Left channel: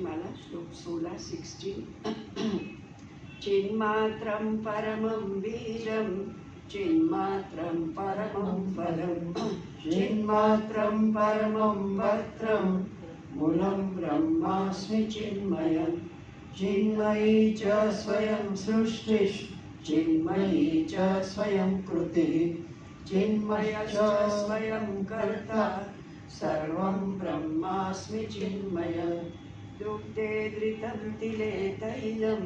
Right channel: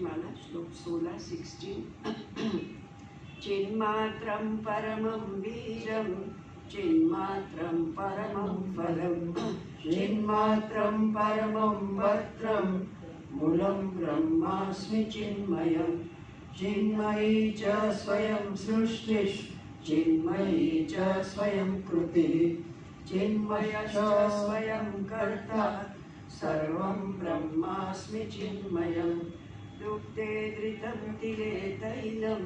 माला श्लोक 16-16। चिन्मात्रं परमं बीजं चिन्मात्रं परमं फलं चिन्मात्रं परमं पत्रं मूलं ब्रह्मास्मि चिन्मयं चिन्मयी च स्वयं सृष्टिः चिन्मयी च स्वयं कृतिः चिन्मयश्च स्वयं कर्ता सर्वं ब्रह्मास्मि चिन्मयं दुग्धे घृतं तिले तैलं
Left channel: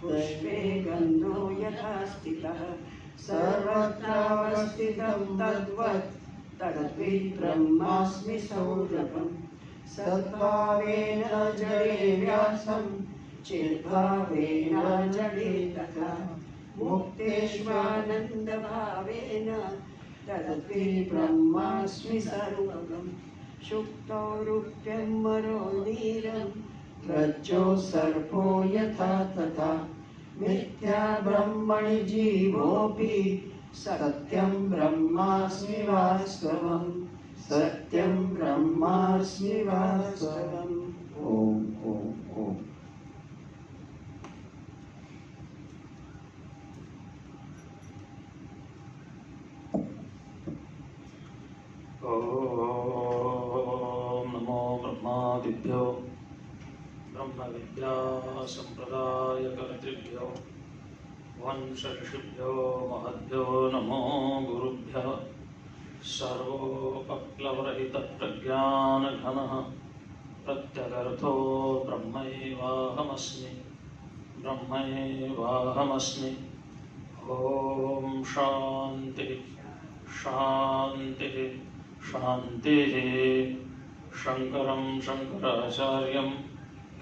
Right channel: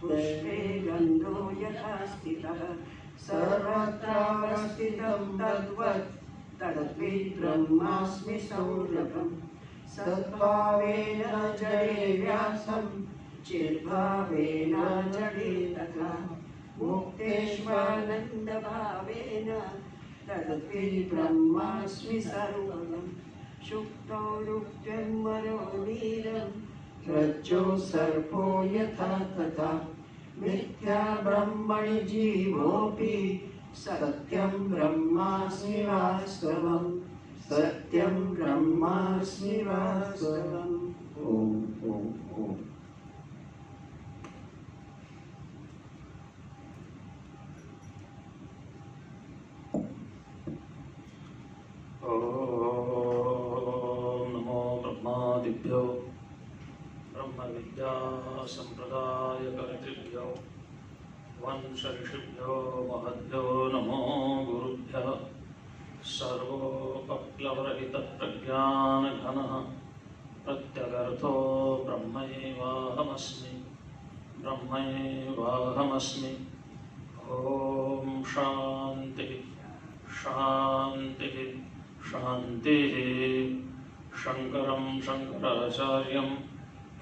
पुष्पे गन्धो यथा स्थितः सर्वत्रावस्थितं तद्वत् तद्विद् ब्रह्मास्मि सौरभं सद्भावेन जडे व्यासं चिद्भावेन जडे तथा मुक्तेष्वानन्दभावेन तद्विद् ब्रह्मास्मि सर्वगं शुक्तो रुक्तं मनोनीरं रज्जो सर्पो यथा तथा मिथ्या ब्रह्मणि जीवोऽपि सत्यं ब्रह्मास्मि वास्तवं सत्यं ब्रह्मास्मि वास्तवम्। ओम ओम ओम। ब्रह्मादिभ्यो ब्रह्म विद्या संप्रदाय कर्तृभ्यो वंश ऋषिभ्यो महद्भ्यो नमो गुरुभ्यः। सर्वोपप्लवरहित प्रज्ञानघनः प्रत्यगर्थो ब्रह्मैवाहमस्मि ब्रह्मैवाहमस्मि। ओम शांति शांति शांतिः। शंकरं शंकराचार्यं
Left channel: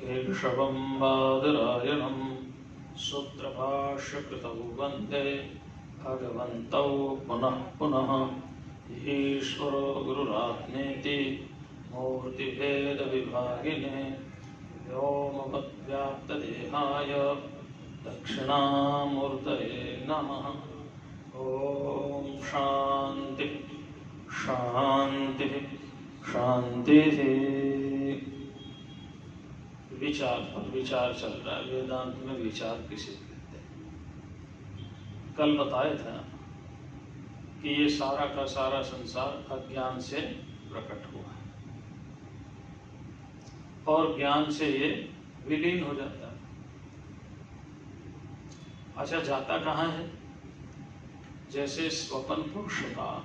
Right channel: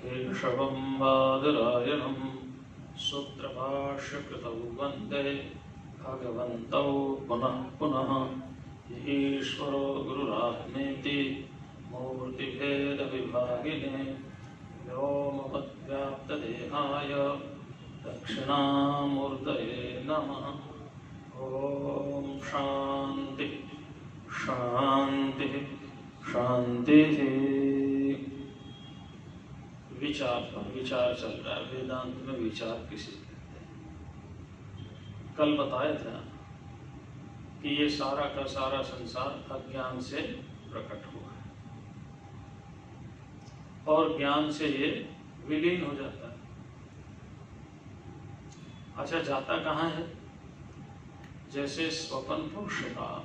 केशवं बादरायणं सूत्रभाष्यकृतौ वन्दे भगवन्तौ पुनः पुनः। ईश्वरो गुरुरात्मेति मूर्तिभेदविभागिने व्योमवद्व्याप्तदेहाय दक्षिणामूर्तये नमः। ओम शांति शांति शांति। विचार पर विचार चल रहा है। वेदांत में विचार किसे कहते हैं? कल बताया था कि ये सारा का सारा संसार अज्ञान से प्रकट हुआ है और ज्ञान से ये विलीन हो जाता है। अच्छा, जाता कहाँ है? जैसे स्वप्न पुरुष का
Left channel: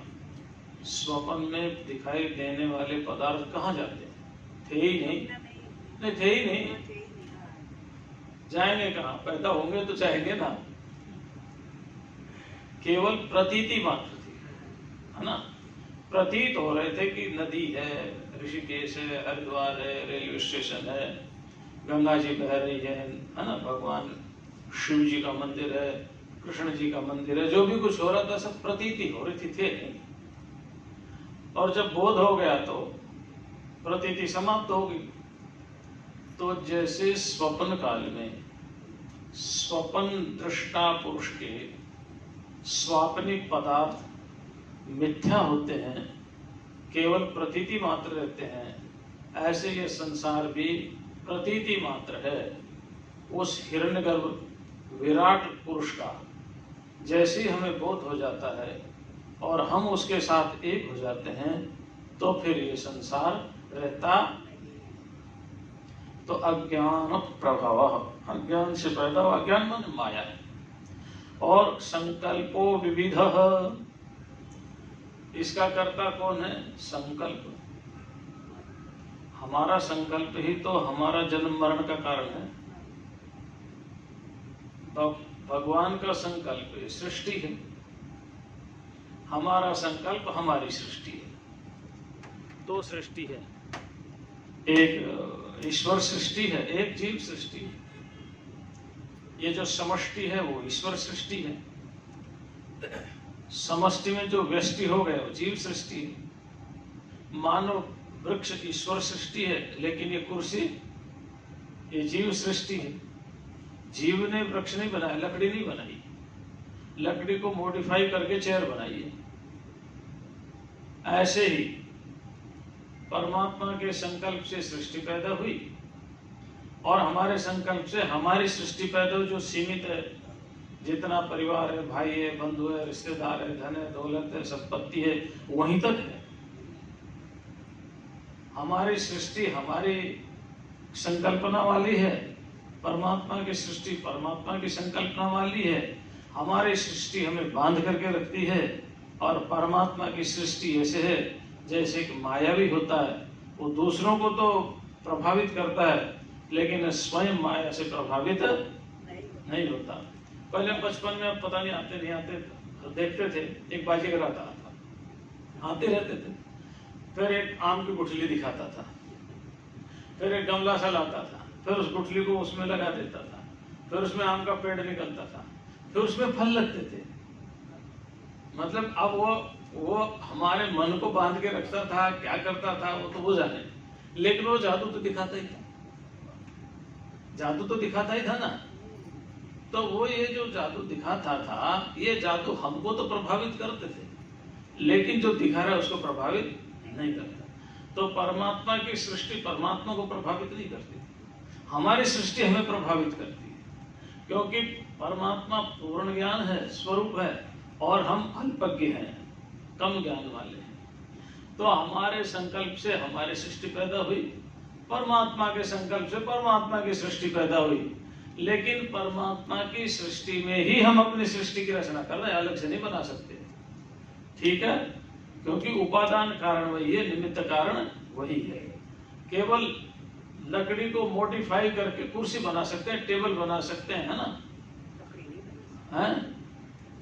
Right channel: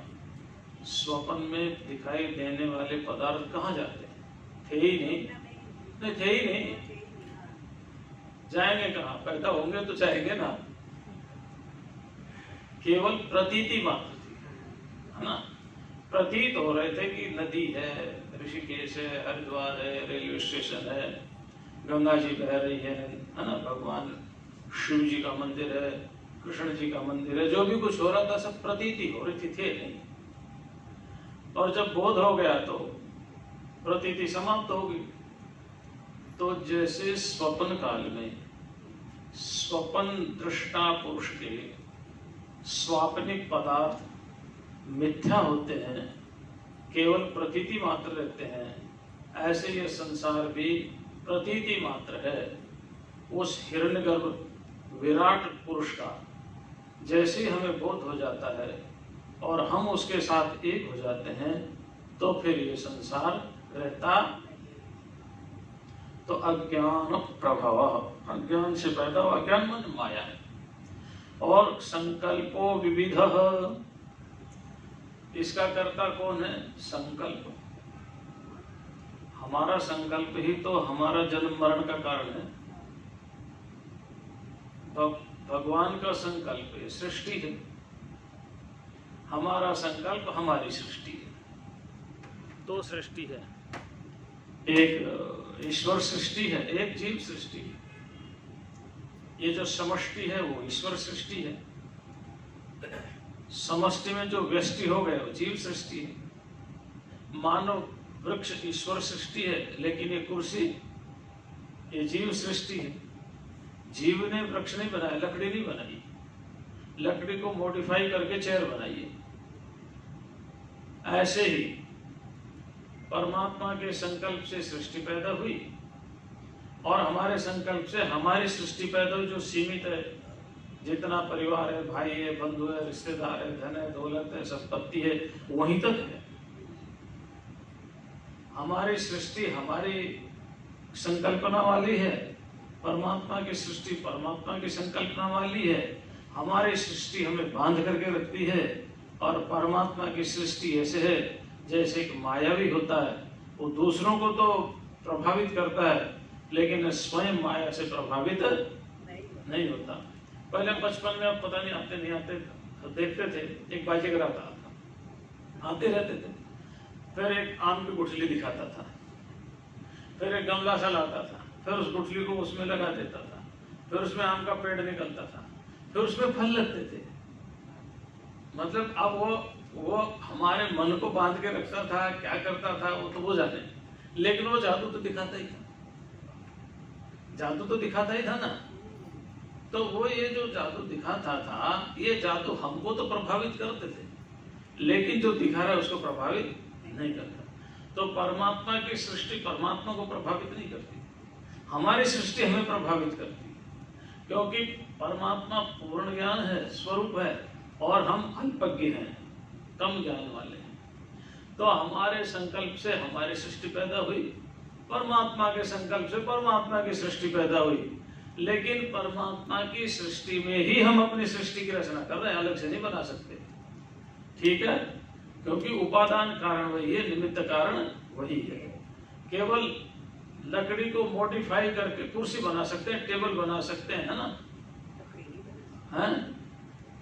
स्वप्न में दिखाई देने वाले पदार्थ कहाँ जाते हैं? थे ही नहीं, थे ही नहीं, जाएंगे कहाँ? पैदा होंगे तो जाएंगे ना। केवल प्रतीति मात्र थी, है ना। प्रतीत हो रहे थे कि नदी है, ऋषिकेश है, हरिद्वार है, रेलवे स्टेशन है, गंगा जी बह रही है ना, भगवान शिव जी का मंदिर है, कृष्ण जी का मंदिर है। जो भी कुछ हो रहा था सब प्रतीति हो रही थी, थे नहीं। और जब बोध हो गया तो प्रतीति समाप्त हो गई। तो जैसे स्वप्न काल में स्वप्न दृष्टा पुरुष के स्वाप्निक पदार्थ मिथ्या होते हैं, केवल प्रतीति मात्र रहते हैं, ऐसे ये संसार भी प्रतीति मात्र है। उस हिरण्यगर्भ विराट पुरुष का जैसे ही हमें बोध हो जाता है और हम उसके साथ एक हो जाते हैं तो फिर ये संसार रहता। तो अज्ञान प्रभाव, अज्ञान से पैदा हुआ, अज्ञान माने माया है। और संकल्पो विविधः, इसका कर्ता कौन है? संकल्प। हमारा संकल्प ही तो हमारा जन्म मरण का कारण है। भगवान का संकल्प ये सृष्टि है, हमारा संकल्प हमारी सृष्टि है। दो सृष्टि है, एक ईश्वर सृष्टि है, एक जीव सृष्टि है। ये जो समष्टि है वो ईश्वर सृष्टि है, समष्टि में जो व्यष्टि हो गए वो जीव सृष्टि है। मानव वृक्ष ईश्वर सृष्टि है, लेकिन ये कुर्सी ये जीव सृष्टि है। जीव ने वृक्ष नहीं बनाया, लकड़ी नहीं बनाई, लकड़ी को मॉडिफाई करके चेयर बनाई है। ऐसे ही परमात्मा के संकल्प से सृष्टि पैदा हुई और हमारे संकल्प से हमारी सृष्टि पैदा हुई जो सीमित है, जितना परिवार है, भाई है, बंधु है, रिश्तेदार है, धन है, दौलत है, संपत्ति है, वहीं तक है। हमारी सृष्टि हमारी संकल्पना वाली है, परमात्मा की सृष्टि परमात्मा की संकल्पना वाली है। हमारी सृष्टि हमें बांध करके रखती है और परमात्मा की सृष्टि ऐसे है जैसे एक मायावी होता है, वो दूसरों को तो प्रभावित करता है लेकिन स्वयं माया से प्रभावित नहीं होता। पहले बचपन में, अब पता नहीं आते नहीं आते, देखते थे एक बाजीगर आता था, आते रहते थे, फिर एक आम की गुठली दिखाता था, फिर एक गमला सा लाता था, फिर उस गुठली को उसमें लगा देता था, फिर उसमें आम का पेड़ निकलता था, फिर उसमें फल लगते थे। मतलब अब वो हमारे मन को बांध के रखता था, क्या करता था वो तो वो जाने, लेकिन वो जादू तो दिखाता ही था, जादू तो दिखाता ही था ना। तो वो ये जो जादू दिखाता था, ये जादू हमको तो प्रभावित करते थे, लेकिन जो दिखा रहा है उसको प्रभावित नहीं करता। तो परमात्मा की सृष्टि परमात्मा को प्रभावित नहीं करती, हमारी सृष्टि हमें प्रभावित करती है, क्योंकि परमात्मा पूर्ण ज्ञान है, स्वरूप है, और हम अल्पज्ञ हैं, कम ज्ञान वाले हैं। तो हमारे संकल्प से हमारी सृष्टि पैदा हुई, परमात्मा के संकल्प से परमात्मा की सृष्टि पैदा हुई, लेकिन परमात्मा की सृष्टि में ही हम अपनी सृष्टि की रचना कर रहे हैं, अलग से नहीं बना सकते। ठीक है, क्योंकि उपादान कारण वही है, निमित्त कारण वही है। केवल लकड़ी को मॉडिफाई करके कुर्सी बना सकते हैं, टेबल बना सकते हैं, है ना, हैं?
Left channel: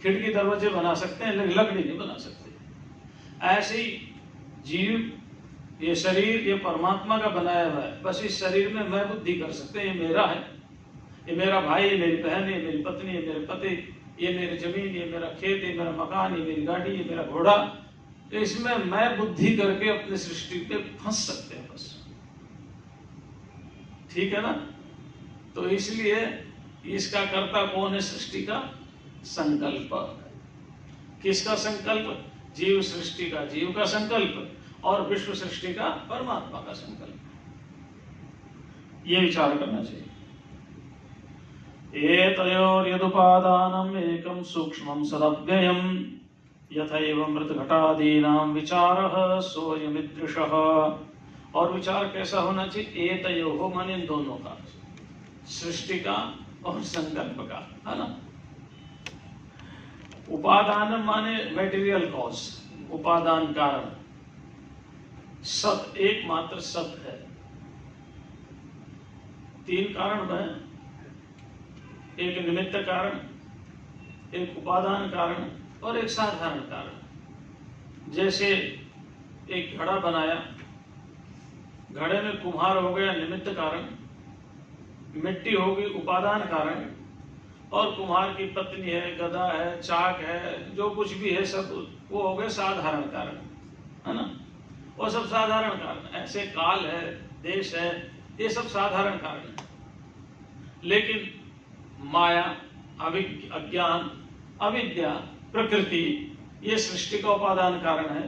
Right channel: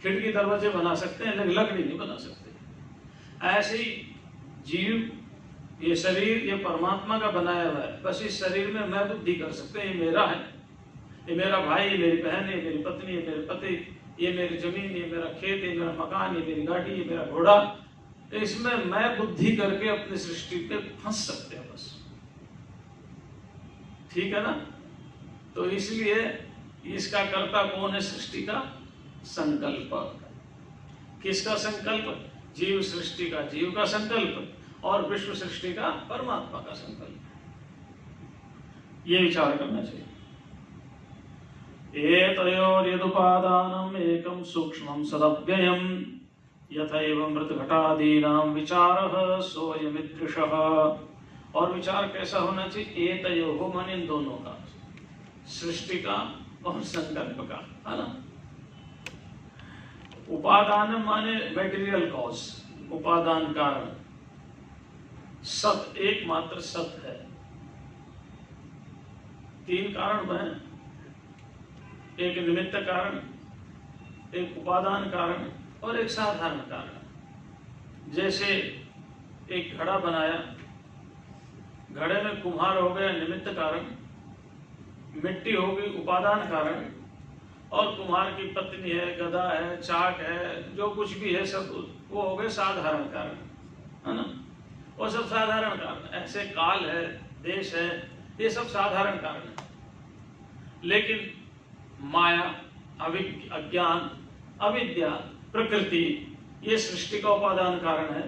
खिड़की दरवाजे बना सकते हैं, लेकिन लकड़ी नहीं बना सकते। ऐसे ही जीव, ये शरीर ये परमात्मा का बनाया हुआ है, बस इस शरीर में मैं बुद्धि कर सकते हैं, ये मेरा है, ये मेरा भाई, ये मेरी बहन, ये मेरी पत्नी, ये मेरे पति, ये मेरी जमीन, ये मेरा खेत, ये मेरा मकान, ये मेरी गाड़ी, ये मेरा घोड़ा। तो इसमें मैं बुद्धि करके अपनी सृष्टि पे फंस सकते हैं बस। ठीक है ना। तो इसलिए इसका कर्ता कौन है? सृष्टि का संकल्प। किसका संकल्प? जीव सृष्टि का जीव का संकल्प, और विश्व सृष्टि का परमात्मा का संकल्प। ये विचार करना चाहिए। एतयोर्यदुपादानम् एकं सूक्ष्मं सदव्ययम् यथैव मृतघटादीनां विचारः सोऽयमिदृशः। और विचार कैसा होना चाहिए? एतयोः माने इन दोनों का, सृष्टि का और संकल्प का, है ना। उपादान माने मेटीरियल कॉज, उपादान कारण। सत एकमात्र सत है, तीन कारण में, एक निमित्त कारण, एक उपादान कारण और एक साधारण कारण। जैसे एक घड़ा बनाया, घड़े में कुम्हार हो गया निमित्त कारण, मिट्टी हो गई उपादान कारण, और कुम्हार की पत्नी है, गधा है, चाक है, जो कुछ भी है सब वो हो गए साधारण कारण, है ना। वो सब साधारण कारण। ऐसे काल है, देश है, ये सब साधारण कारण है। लेकिन माया, अज्ञान, अविद्या, प्रकृति, ये सृष्टि का उपादान कारण है,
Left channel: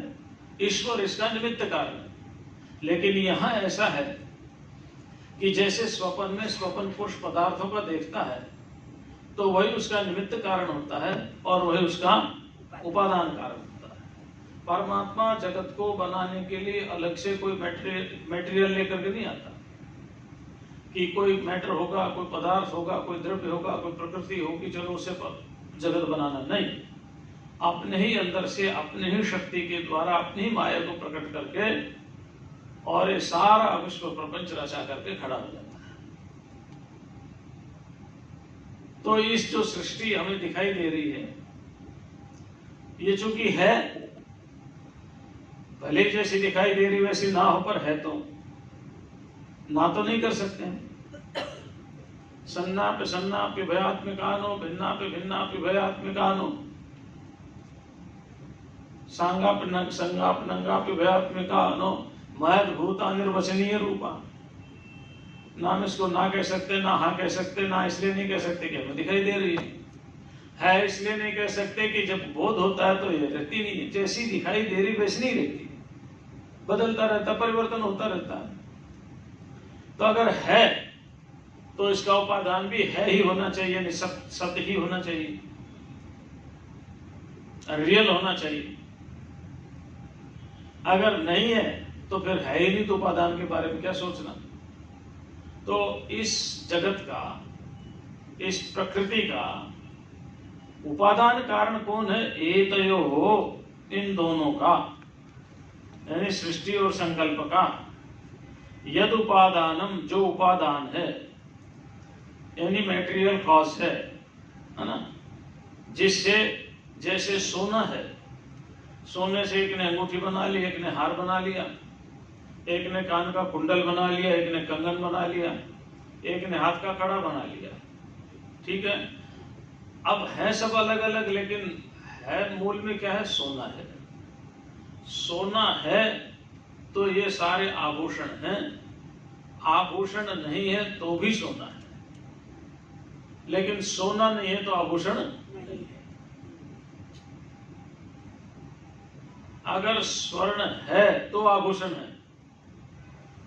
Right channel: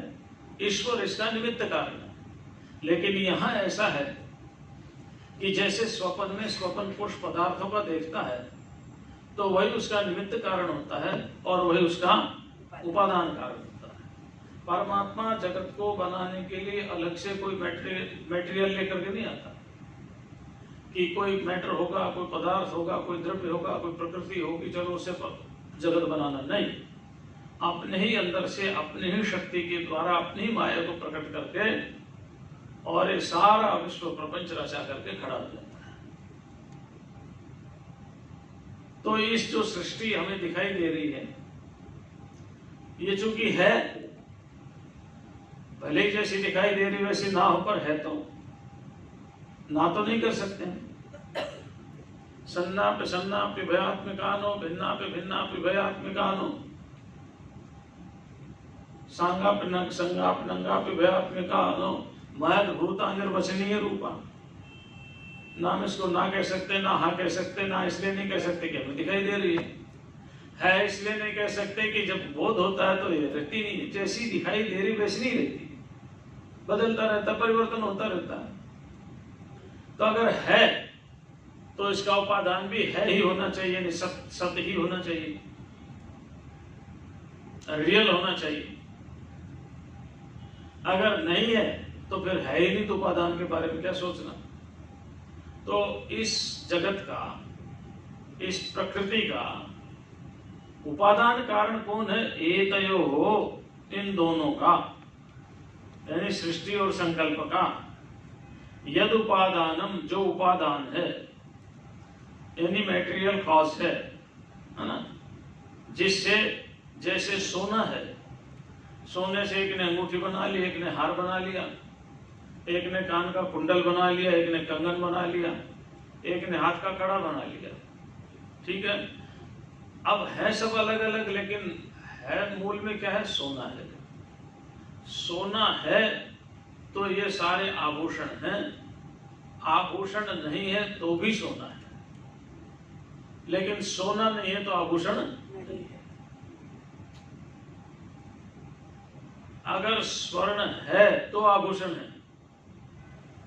ईश्वर इसका निमित्त कारण है। लेकिन यहाँ ऐसा है कि जैसे स्वप्न में स्वप्न पुरुष पदार्थों का देखता है, तो वही उसका निमित्त कारण होता है और वही उसका उपादान कारण होता है। परमात्मा जगत को बनाने के लिए अलग से कोई मटेरियल लेकर के नहीं आता कि कोई मैटर होगा, कोई पदार्थ होगा, कोई द्रव्य होगा, कोई प्रकृति होगी, चलो उससे जगत बनाना। नहीं, अपने ही अंदर से, अपने ही शक्ति के द्वारा, अपनी माया को प्रकट करके और ये सारा विश्व प्रपंच रचा करके खड़ा हो जाता है। तो इस जो सृष्टि हमें दिखाई दे रही है, ये चूंकि है, भले जैसी दिखाई दे रही वैसी ना हो, पर है तो ना तो नहीं कर सकते हैं। सन्नाप्य सन्नाप्य भयात्मिकानो, भिन्नाप्य भिन्नाप्य भयात्मिकानो, सांगाप्य संगाप्य नंगाप्य भयात्मिकानो, महद भूता निर्वचनीय रूपा। ना हम इसको ना कह सकते, ना हाँ कह सकते, ना इसलिए नहीं कह सकते कि हमें दिखाई दे रही है, इसलिए नहीं कह सकते कि जब बोध होता है तो ये रहती नहीं है, जैसी दिखाई दे रही वैसी नहीं रहती, बदलता रहता, परिवर्तन होता रहता है। तो अगर है तो इसका उपादान भी है ही होना चाहिए, नहीं सत्य ही होना चाहिए, रियल होना चाहिए। अगर नहीं है तो फिर है ही नहीं, तो उपादान के बारे में क्या सोचना। तो इस जगत का, इस प्रकृति का उपादान कारण कौन है? एतयो हो, इन दोनों का, यानी सृष्टि और संकल्प का। यद उपादानम, जो उपादान है, यानी मैटेरियल कॉज है ना, जिससे, जैसे सोना है, सोने से एक ने अंगूठी बना ली, एक ने हार बना लिया, एक ने कान का कुंडल बना लिया, एक ने कंगन बना लिया, एक ने हाथ का कड़ा बना लिया, ठीक है। अब है सब अलग अलग, लेकिन है मूल में क्या है? सोना है। सोना है तो ये सारे आभूषण हैं, आभूषण नहीं है तो भी सोना है, लेकिन सोना नहीं है तो आभूषण नहीं है। अगर स्वर्ण है तो आभूषण है,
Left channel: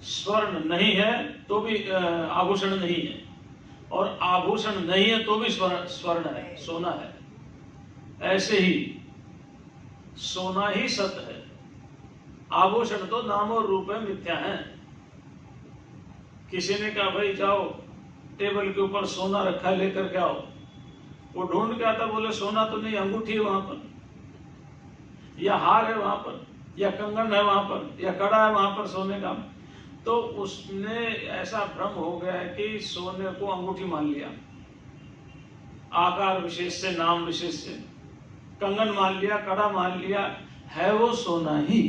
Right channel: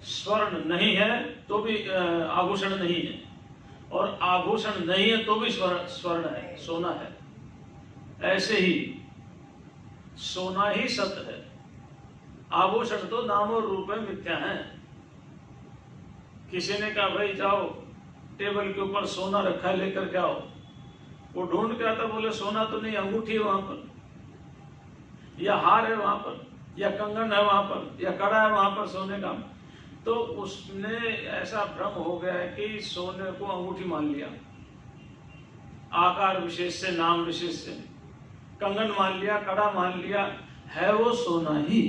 स्वर्ण नहीं है तो भी आभूषण नहीं है, और आभूषण नहीं है तो भी स्वर्ण है, सोना है। ऐसे ही सोना ही सत्य है, आभूषण तो नाम और रूप में मिथ्या है। किसी ने कहा भाई जाओ टेबल के ऊपर सोना रखा है लेकर के आओ, वो ढूंढ के आता, बोले सोना तो नहीं, अंगूठी है वहां पर, या हार है वहां पर, या कंगन है वहां पर, या कड़ा है वहां पर सोने का। तो उसने ऐसा भ्रम हो गया है कि सोने को अंगूठी मान लिया, आकार विशेष से, नाम विशेष से, कंगन मान लिया, कड़ा मान लिया, है वो सोना ही।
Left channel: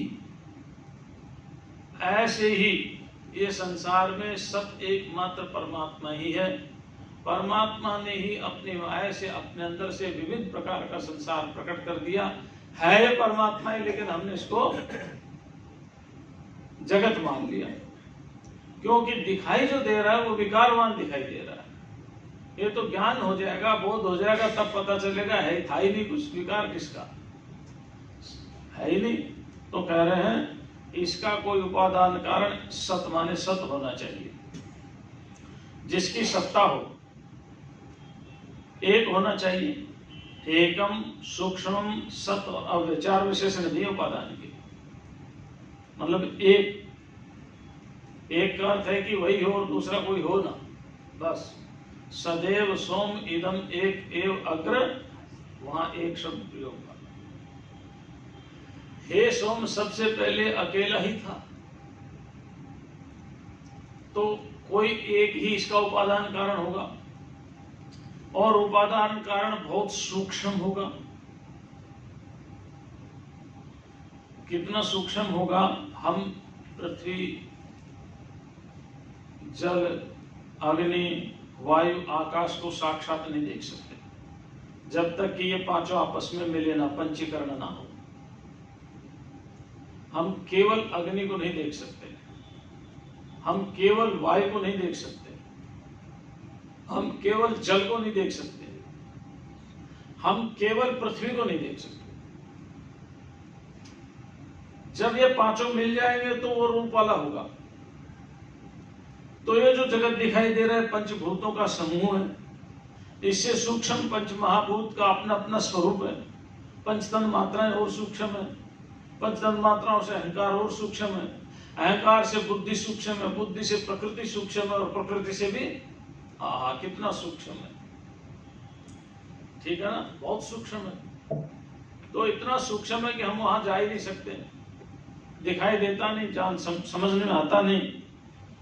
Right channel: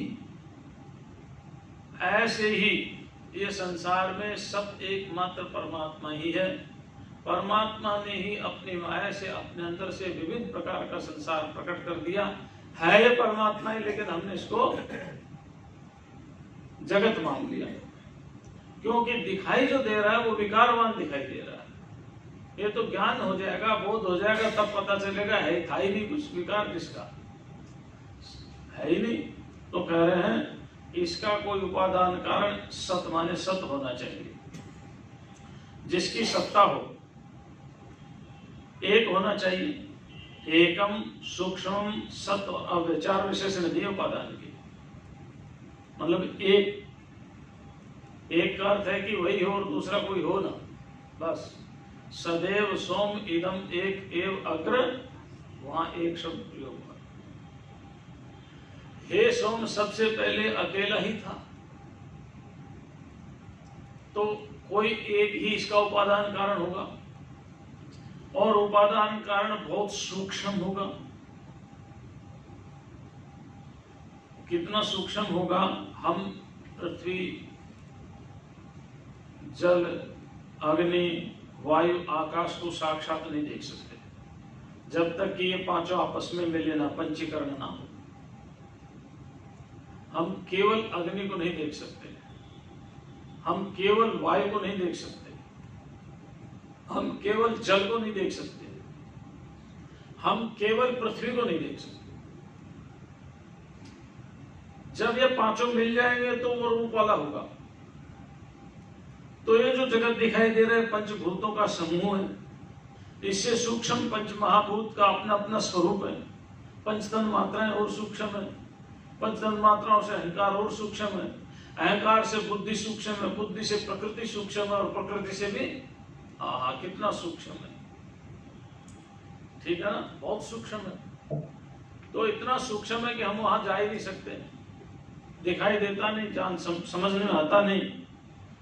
ऐसे ही ये संसार में सब एकमात्र परमात्मा ही है। परमात्मा ने ही अपनी माया से, अपने अंदर से विभिन्न प्रकार का संसार प्रकट कर दिया। है ये परमात्मा ही, लेकिन हमने इसको जगत मान लिया, क्योंकि दिखाई जो दे रहा है वो विकारवान दिखाई दे रहा है। ये तो ज्ञान हो जाएगा, बोध हो जाएगा, तब पता चलेगा है था ही नहीं कुछ, विकार किसका है ही नहीं। तो कह रहे हैं इसका कोई उपादान कारण सत माने सत होना चाहिए, जिसकी सत्ता हो, एक होना चाहिए। एकम सूक्ष्म सत्व अव्यय, चार विशेषण दिए उपादान के, मतलब एक का अर्थ है कि वही हो और दूसरा कोई हो ना, बस। सदैव सोम इदम एक एव अग्र, वहां एक शब्द प्रयोग हुआ। हे सोम सबसे पहले अकेला ही था, तो कोई एक ही इसका उपादान कारण होगा, और उपादान कारण बहुत सूक्ष्म होगा। कितना सूक्ष्म होगा? हम पृथ्वी, जल, अग्नि, वायु, आकाश को साक्षात नहीं देख सकते जब तक कि ये पांचों आपस में मिले ना, पंचीकरण ना हो। हम केवल अग्नि को नहीं देख सकते, हम केवल वायु को नहीं देख सकते, हम केवल जल को नहीं देख सकते, हम केवल पृथ्वी को नहीं देख सकते। जब ये पांचों मिल जाएंगे तो वो रूप वाला होगा। तो ये जो जगत दिखाई दे रहा है पंचभूतों का समूह है, इससे सूक्ष्म पंच महाभूत का अपना अपना स्वरूप है। पंचतन मात्राएं और सूक्ष्म है, पंचतन मात्राओं से अहंकार और सूक्ष्म है, अहंकार से बुद्धि सूक्ष्म है, बुद्धि से प्रकृति सूक्ष्म है, और प्रकृति से भी कितना सूक्ष्म है, ठीक है ना, बहुत सूक्ष्म है। तो इतना सूक्ष्म है कि हम वहां जा ही नहीं सकते, दिखाई देता नहीं, जान समझ में आता नहीं।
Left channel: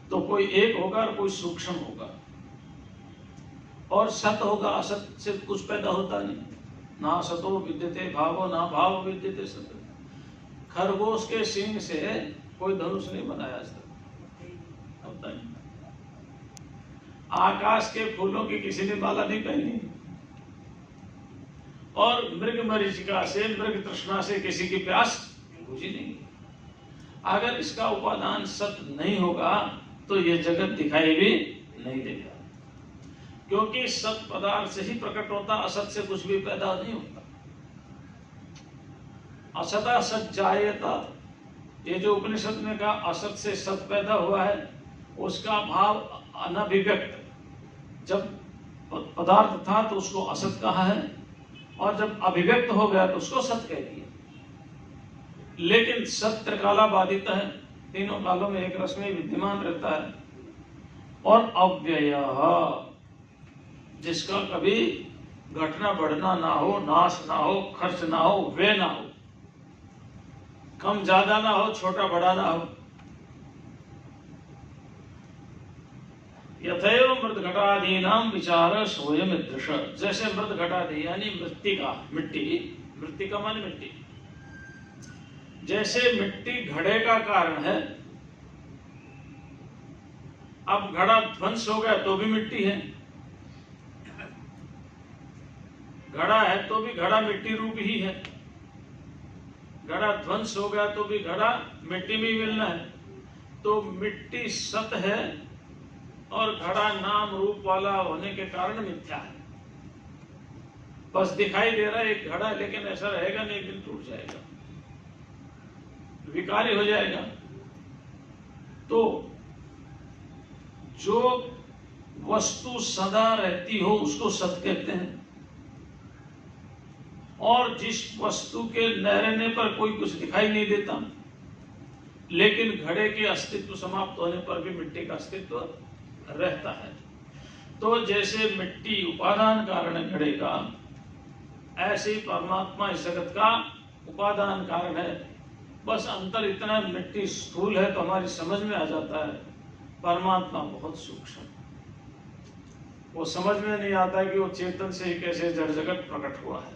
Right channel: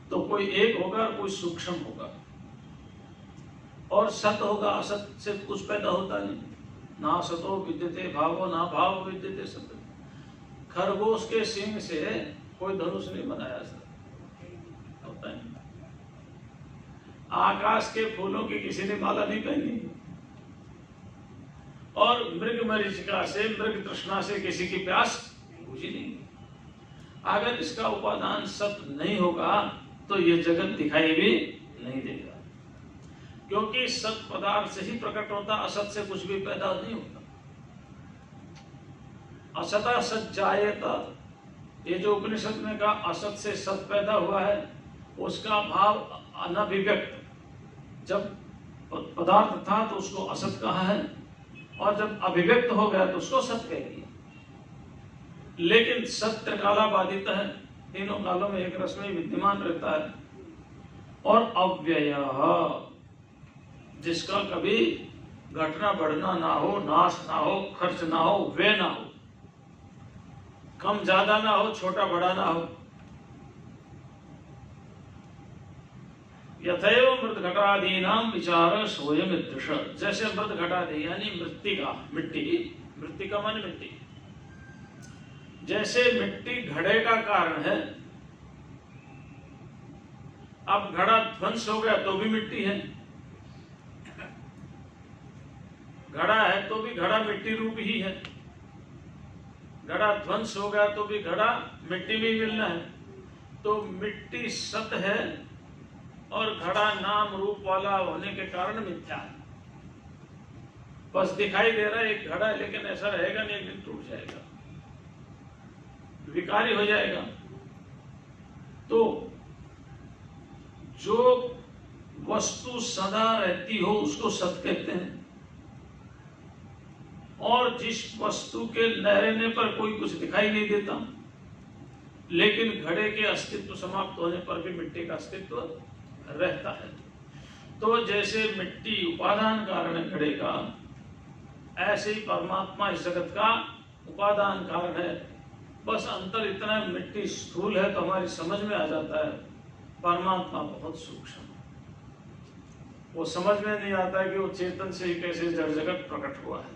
तो कोई एक होगा और कोई सूक्ष्म होगा, और सत होगा, असत से कुछ पैदा होता नहीं। ना सतो विद्यते भावो, ना भाव विद्यते सत। खरगोश के सींग से कोई धनुष नहीं बनाया होता है। आकाश के फूलों की किसी ने माला नहीं पहनी, और मृग मरीचिका से, मृग तृष्णा से किसी की प्यास बुझी नहीं। अगर इसका उपादान सत नहीं होगा तो ये जगत दिखाई भी नहीं देगा, क्योंकि सत पदार्थ से ही प्रकट होता, असत से कुछ भी पैदा नहीं होता। असता सत जायता, ये जो उपनिषद ने कहा असत से सत पैदा हुआ है, उसका भाव अनभिव्यक्त, जब पदार्थ था तो उसको असत कहा है, और जब अभिव्यक्त हो गया तो उसको सत कह दिया। लेकिन सत्य काला बाधित है, तीनों कालों में एक रस में विद्यमान रहता है। और अव्यय, जिसका कभी घटना बढ़ना ना हो, नाश ना हो, खर्च ना हो, व्यय ना हो, कम ज्यादा ना हो, छोटा बड़ा ना हो। यथैव मृत घटादीनाम विचार सोयम ईदृश, जैसे मृत घटादि यानी मृत्तिका, मिट्टी, मृत्तिका माने मिट्टी, जैसे मिट्टी घड़े का कारण है। अब घड़ा ध्वंस हो गया तो भी मिट्टी है, घड़ा है तो भी घड़ा मिट्टी रूप ही है, घड़ा ध्वंस हो गया तो भी घड़ा मिट्टी में ही मिलना है। तो मिट्टी सत है और घड़ा नाम रूप वाला होने के कारण मिथ्या है। बस दिखाई दे रहा है एक घड़ा, लेकिन ऐसा रहेगा नहीं, एक दिन टूट जाएगा, विकारी हो जाएगा। तो जो वस्तु सदा रहती हो उसको सत कहते हैं, और जिस वस्तु के न रहने पर कोई कुछ दिखाई नहीं देता, लेकिन घड़े के अस्तित्व समाप्त होने पर भी मिट्टी का अस्तित्व रहता है। तो जैसे मिट्टी उपादान कारण है घड़े का, ऐसे ही परमात्मा इस जगत का उपादान कारण है। बस अंतर इतना, मिट्टी स्थूल है तो हमारी समझ में आ जाता है, परमात्मा बहुत सूक्ष्म है। वो समझ में नहीं आता है कि वो चेतन से ही कैसे जड़ जगत प्रकट हुआ है,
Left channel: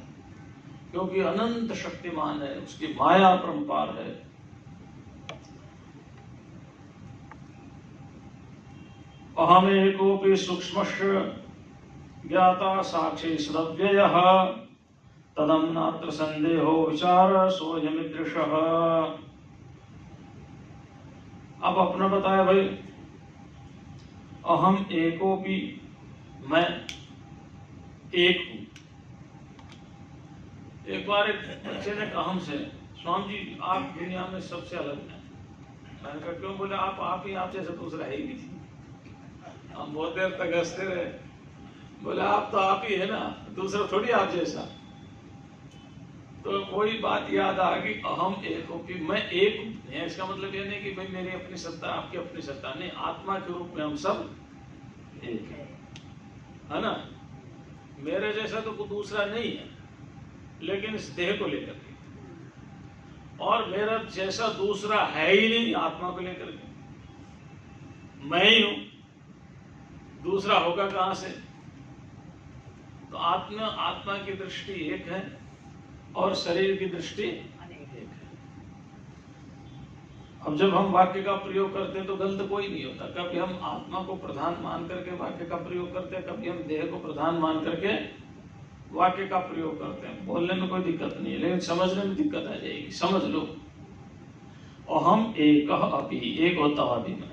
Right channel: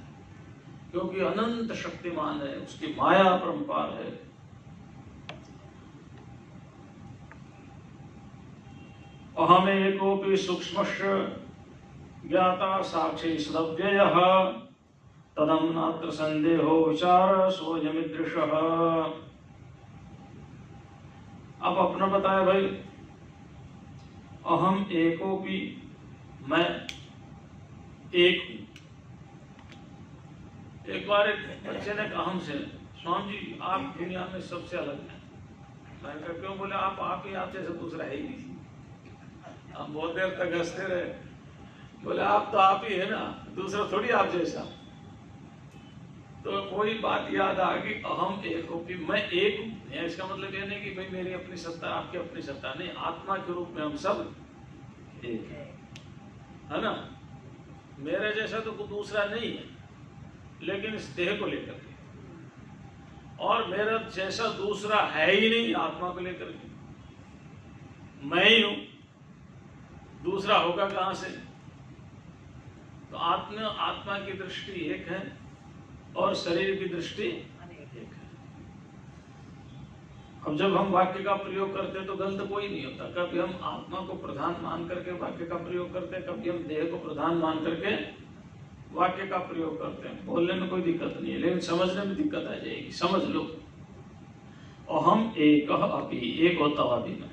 क्योंकि अनंत शक्तिमान है, उसकी माया परंपार है। अहमेकोपि सूक्ष्मस्य ज्ञाता साक्षी सदव्ययः तदं नात्र संदेहो विचार सोऽयमीदृशः। अब अपना बताया भाई, अहम एकोपि, मैं एक हूं। एक बार एक बच्चे ने कहा हमसे, स्वामी जी आप दुनिया में सबसे अलग हैं। मैंने कहा क्यों? बोले आप ही आप जैसा दूसरा है ही नहीं। हम बहुत देर तक हंसते रहे। बोले आप तो आप ही है ना, दूसरा थोड़ी आप जैसा। तो कोई बात याद आ गई, अहम एक हो कि मैं एक हूं। इसका मतलब ये नहीं कि भाई मेरी अपनी सत्ता, आपकी अपनी सत्ता नहीं, आत्मा के रूप में हम सब एक है ना। मेरे जैसा तो कोई दूसरा नहीं है, लेकिन इस देह को लेकर के, और मेरा जैसा दूसरा है ही नहीं आत्मा को लेकर के। मैं ही हूं, दूसरा होगा कहां से? तो आत्मा की दृष्टि एक है और शरीर की दृष्टि एक है। अब जब हम वाक्य का प्रयोग करते हैं तो गलत कोई नहीं होता। कभी हम आत्मा को प्रधान मान करके वाक्य का प्रयोग करते हैं, कभी हम देह को प्रधान मान करके वाक्य का प्रयोग करते हैं। बोलने में कोई दिक्कत नहीं है, लेकिन समझने में दिक्कत आ जाएगी। समझ लो, अहम एक अपि, एक होता अभी मैं,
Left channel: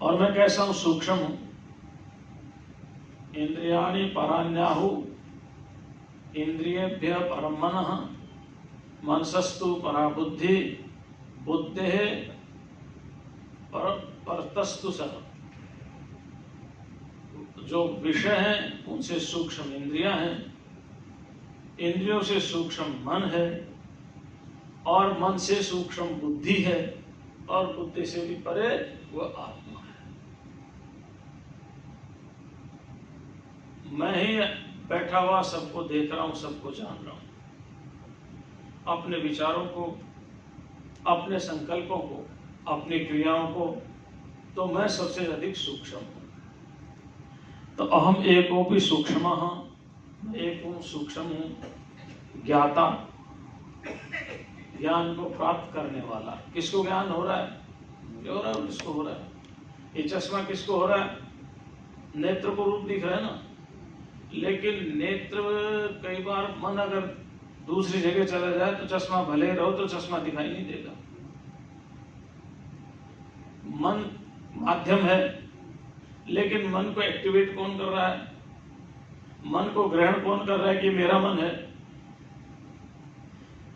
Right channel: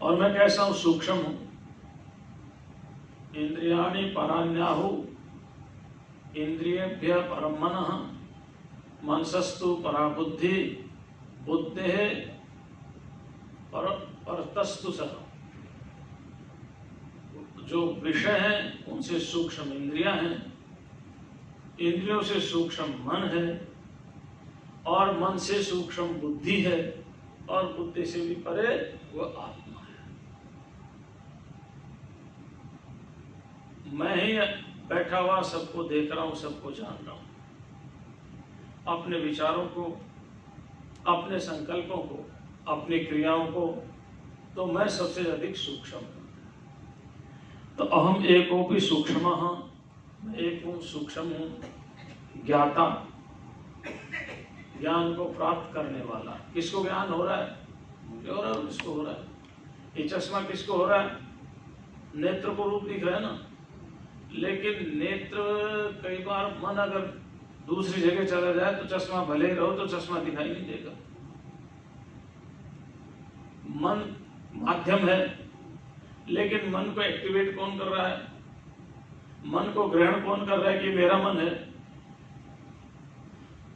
और मैं कैसा हूं? सूक्ष्म हूं। इंद्रियाणि परान्याहु इंद्रियेभ्यः परं मनः, मनसस्तु परा बुद्धि, बुद्धेः परतस्तु सः। जो विषय हैं उनसे सूक्ष्म इंद्रियां हैं, इंद्रियों से सूक्ष्म मन है, और मन से सूक्ष्म बुद्धि है, और बुद्धि से भी परे वह आत्मा है। मैं ही बैठा हुआ सबको देख रहा हूं, सबको जान रहा हूं। अपने विचारों को, अपने संकल्पों को, अपनी क्रियाओं को, तो मैं सबसे अधिक सूक्ष्म हूं। तो अहम एकोपि सूक्ष्मः, मैं एक हूं, सूक्ष्म हूं। ज्ञाता, ज्ञान को प्राप्त करने वाला। किसको ज्ञान हो रहा है? मुझे हो रहा है, किसको हो रहा है? ये चश्मा किसको हो रहा है? नेत्र को रूप दिख रहा है ना, लेकिन नेत्र कई बार मन अगर दूसरी जगह चला जाए तो चश्मा भले ही रहो तो चश्मा दिखाई नहीं देगा। मन माध्यम है, लेकिन मन को एक्टिवेट कौन कर रहा है? मन को ग्रहण कौन कर रहा है कि मेरा मन है?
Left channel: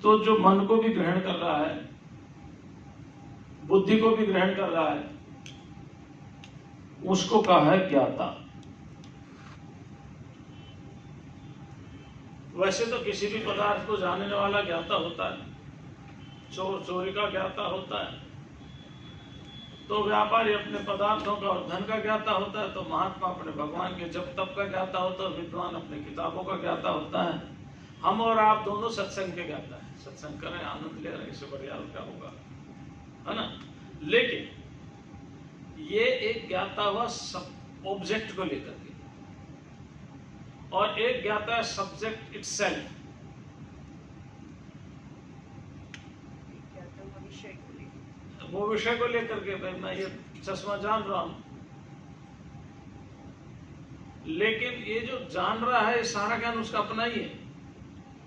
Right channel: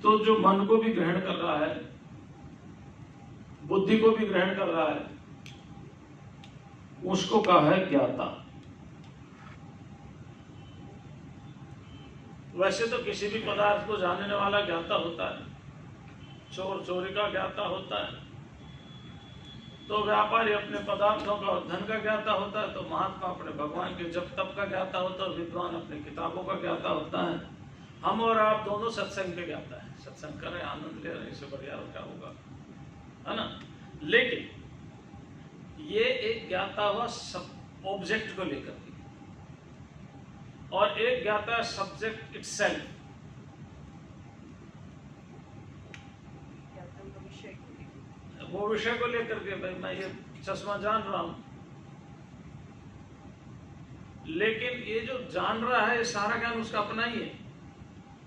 तो जो मन को भी ग्रहण कर रहा है, बुद्धि को भी ग्रहण कर रहा है, उसको कहा है ज्ञाता। वैसे तो किसी भी पदार्थ को जानने वाला ज्ञाता होता है, चोर चोरी का ज्ञाता होता है, तो व्यापारी अपने पदार्थों का और धन का ज्ञाता होता है, तो महात्मा अपने भगवान के जप तप का ज्ञाता होता है, विद्वान अपने किताबों का ज्ञाता होता है। हम और आप दोनों सत्संग के ज्ञाता है, सत्संग कर रहे हैं, आनंद ले रहे हैं, इससे बढ़िया क्या होगा, है ना। लेकिन ये एक ज्ञाता हुआ सब ऑब्जेक्ट को लेकर के, और एक ज्ञाता सब्जेक्ट इटसेल्फ, वो विषय को लेकर के, भाई मैं ये चश्मा जान रहा हूं, लेकिन ये जो जान रहा है ये सारा ज्ञान उसका अपना ही है,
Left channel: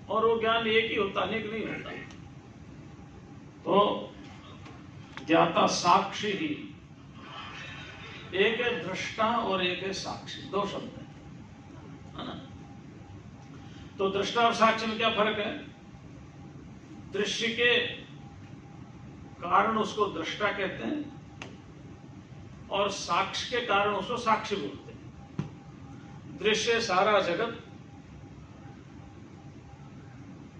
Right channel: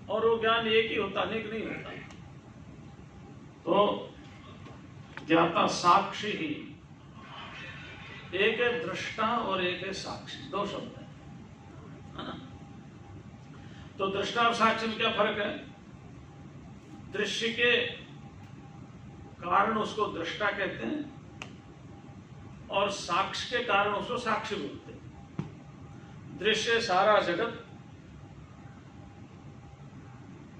और वो ज्ञान एक ही होता, अनेक नहीं होता। तो ज्ञाता साक्षी ही, एक है दृष्टा और एक है साक्षी, दो शब्द है ना। तो दृष्टा और साक्षी में क्या फर्क है? दृश्य के कारण उसको दृष्टा कहते हैं, और साक्ष्य के कारण उसको साक्षी बोलते हैं। दृश्य सारा जगत,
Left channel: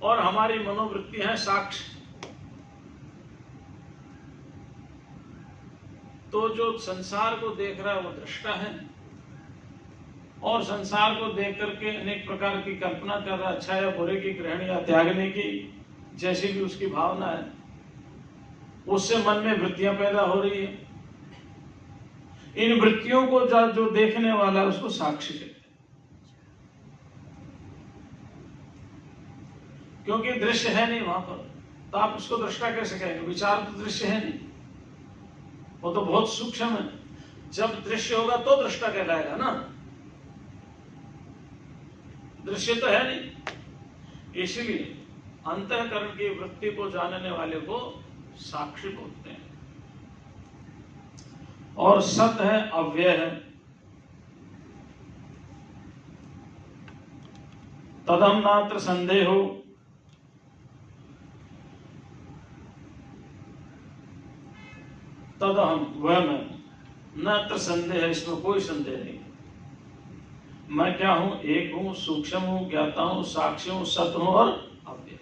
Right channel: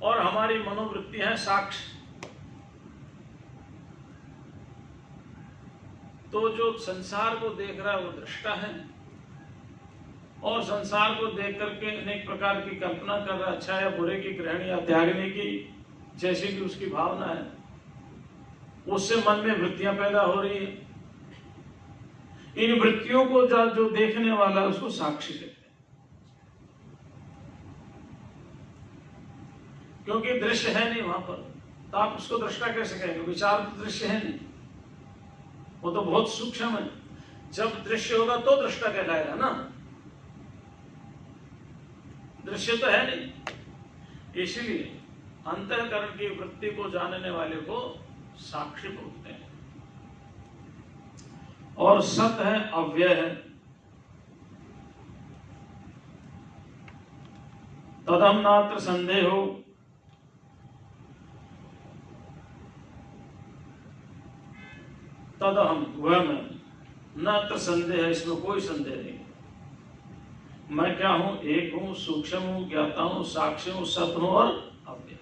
और हमारी मनोवृत्ति है साक्ष्य। तो जो संसार को देख रहा है वो दृष्टा है, और संसार को देख करके अनेक प्रकार की कल्पना कर रहा है, अच्छा या बुरे की, ग्रहण या त्यागने की, जैसी भी उसकी भावना है, उससे मन में वृत्तियां पैदा हो रही है। इन वृत्तियों को जो देखने वाला है उसको साक्षी कहते हैं, क्योंकि दृश्य है नहीं वहां पर, तो आप उसको दृष्टा कैसे कहेंगे? विचार तो दृश्य है नहीं, वो तो बहुत सूक्ष्म है। जब दृश्य होगा तो दृष्टा कहलाएगा ना, दृश्य तो है नहीं। इसलिए अंतःकरण की वृत्ति को जानने वाले को साक्षी बोलते हैं। और सत है, अव्यय है, तदम नात्र संदेहो, तदहम वह मैं, नात्र संदेह, इसमें कोई संदेह नहीं। मैं क्या हूं? एक हूं, सूक्ष्म हूं, ज्ञाता हूं, साक्षी हूं, सत हूं और अव्यय।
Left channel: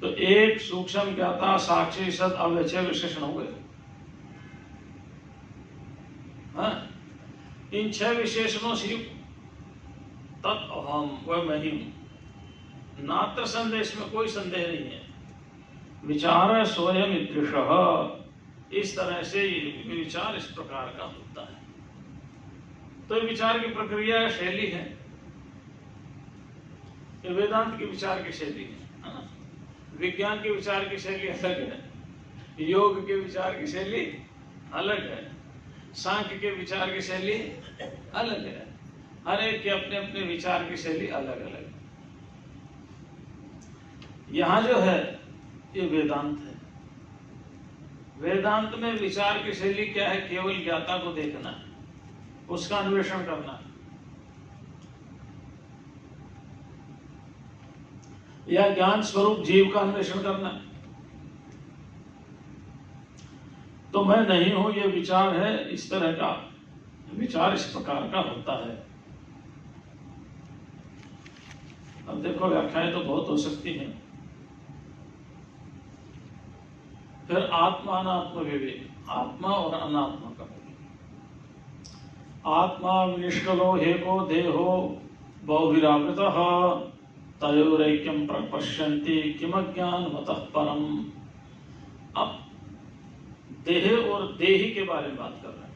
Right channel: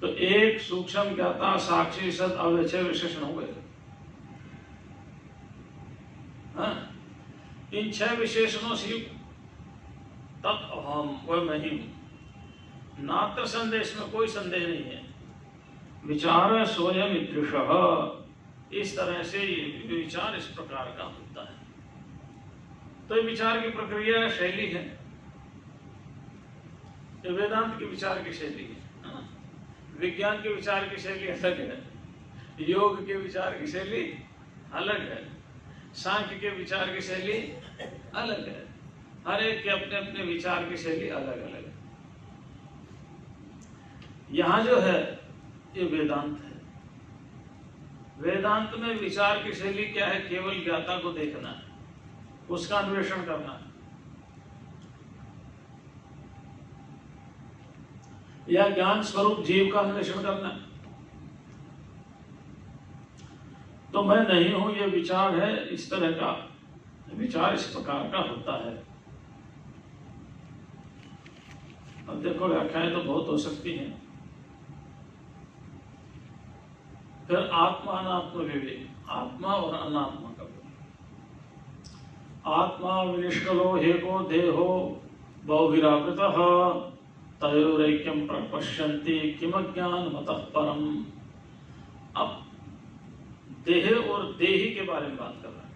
तो एक, सूक्ष्म, ज्ञाता, साक्षी, सत, अव्यय, 6 विशेषण हो गए। हाँ? इन 6 विशेषणों से तत् अहम, वह मैं ही हूं। नात्र संदेश में कोई संदेह नहीं है। विचार स्वयं ईदृशः, इस तरह से विचार इस प्रकार का होता है। तो ये विचार की प्रक्रिया शैली है, ये वेदांत की विचार की शैली है ना। विज्ञान के विचार की शैली अलग है, योग के विचार की शैली अलग है, सांख्य के विचार की शैली अलग है। हर एक के अपने अपने विचार की शैली अलग अलग है। यहां जो है ये वेदांत है। वेदांत में विचार की शैली क्या है? केवल ज्ञाता को देखना है, उसका अन्वेषण करना है, या ज्ञान स्वरूप जीव का अन्वेषण करना है। तो मैं नहीं हूं, ये विचार है, इस तरह का विचार इस प्रकार का होता है। अब देखो व्याख्याएं तो बहुत हो सकती हैं। फिर आत्मा अनात्म विवेक, आत्मा और अनात्मा का बोल। आत्मा विनिष्कलो हेको देहो बहुविरावृतः तयोरैक्यं प्रपश्यन्ति किमज्ञान मतः परम। अब देह और देही के बारे में बात कर रहे हैं।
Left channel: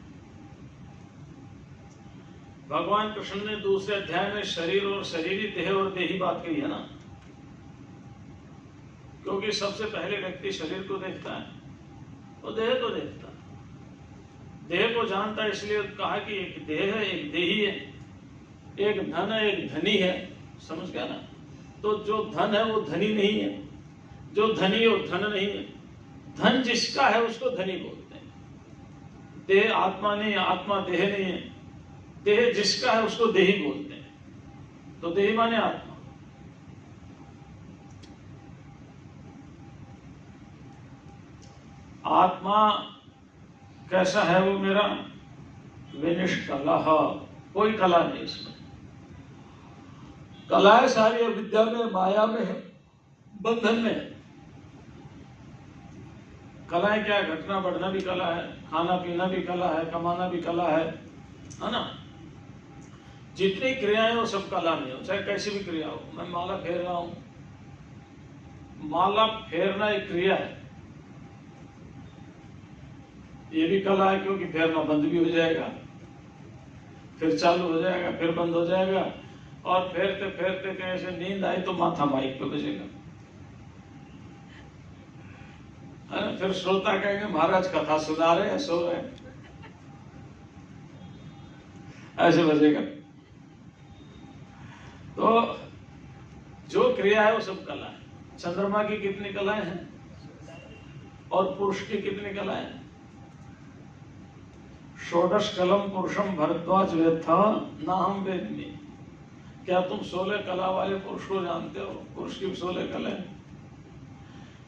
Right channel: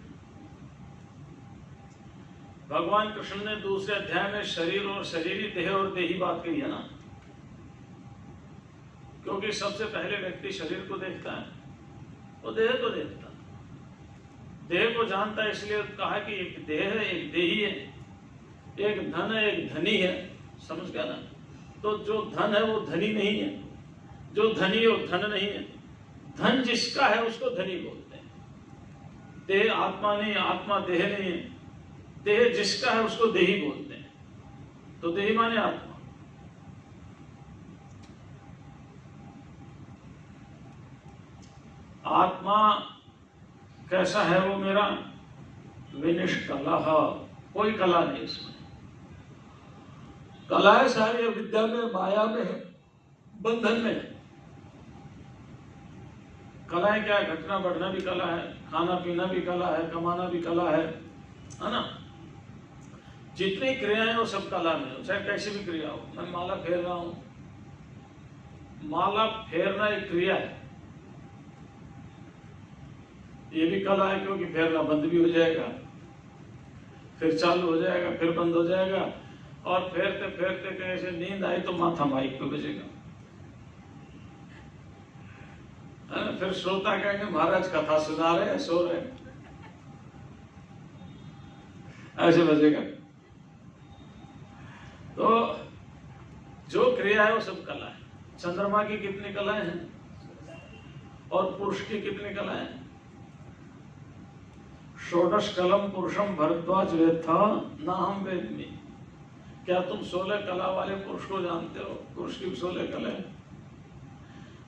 भगवान कृष्ण ने दूसरे अध्याय में शरीर और शरीरी, देह और देही बात कही है ना, क्योंकि सबसे पहले व्यक्ति शरीर को देखता है, वो देह को देखता है, देह को जानता है। इसलिए कहा कि एक देह है, एक देही है, एक धन है, एक धनी है। समझ गया ना? तो जो धन है वो धनी नहीं है, जो धनी है वो धन नहीं है। धन जिसका है उसको धनी बोलते हैं। देह आत्मा नहीं, आत्मा देह नहीं है। देह जिसका है उसको देही बोलते हैं। तो देही माने आत्मा। आत्मा कैसा है? वो मेरा विनिष्कलः, कोई कला नहीं उसमें। कलाएं सारी अविद्या में, माया में है, बंधन में है। कलाएं क्या, घटना बढ़ना भी कला है, खाना पीना भी कला है, कमाना भी कला है ना। जितनी क्रियाएं वो सब कला में हो, चाहे कैसी भी क्रिया हो। मैं माला फेर रहा हूं, माला फेरना एक क्रिया है, ये भी कला है, क्योंकि फेरना बंद भी हो जाएगा, फिर चालू हो जाएगा, फिर बंद हो जाएगा, और फेरते फेरते कैसे नींद आई तो माथा माइक पे बजेगा, फिर श्रोता कहेंगे महाराज कथा सुना रहे हैं, सो रहे हैं, ऐसे बजेगा। तो जो क्रिया है वो सब कला है। चंद्रमा की कितनी कलाएं हैं और पुरुष की कितनी कलाएं हैं? षोडश कलम पुरुषम भरद्वाज वेत्था ना हम वेदमी। क्या तुम 16 कला वाले पुरुष को जानते हो? पुरुष की 16 कलाएं।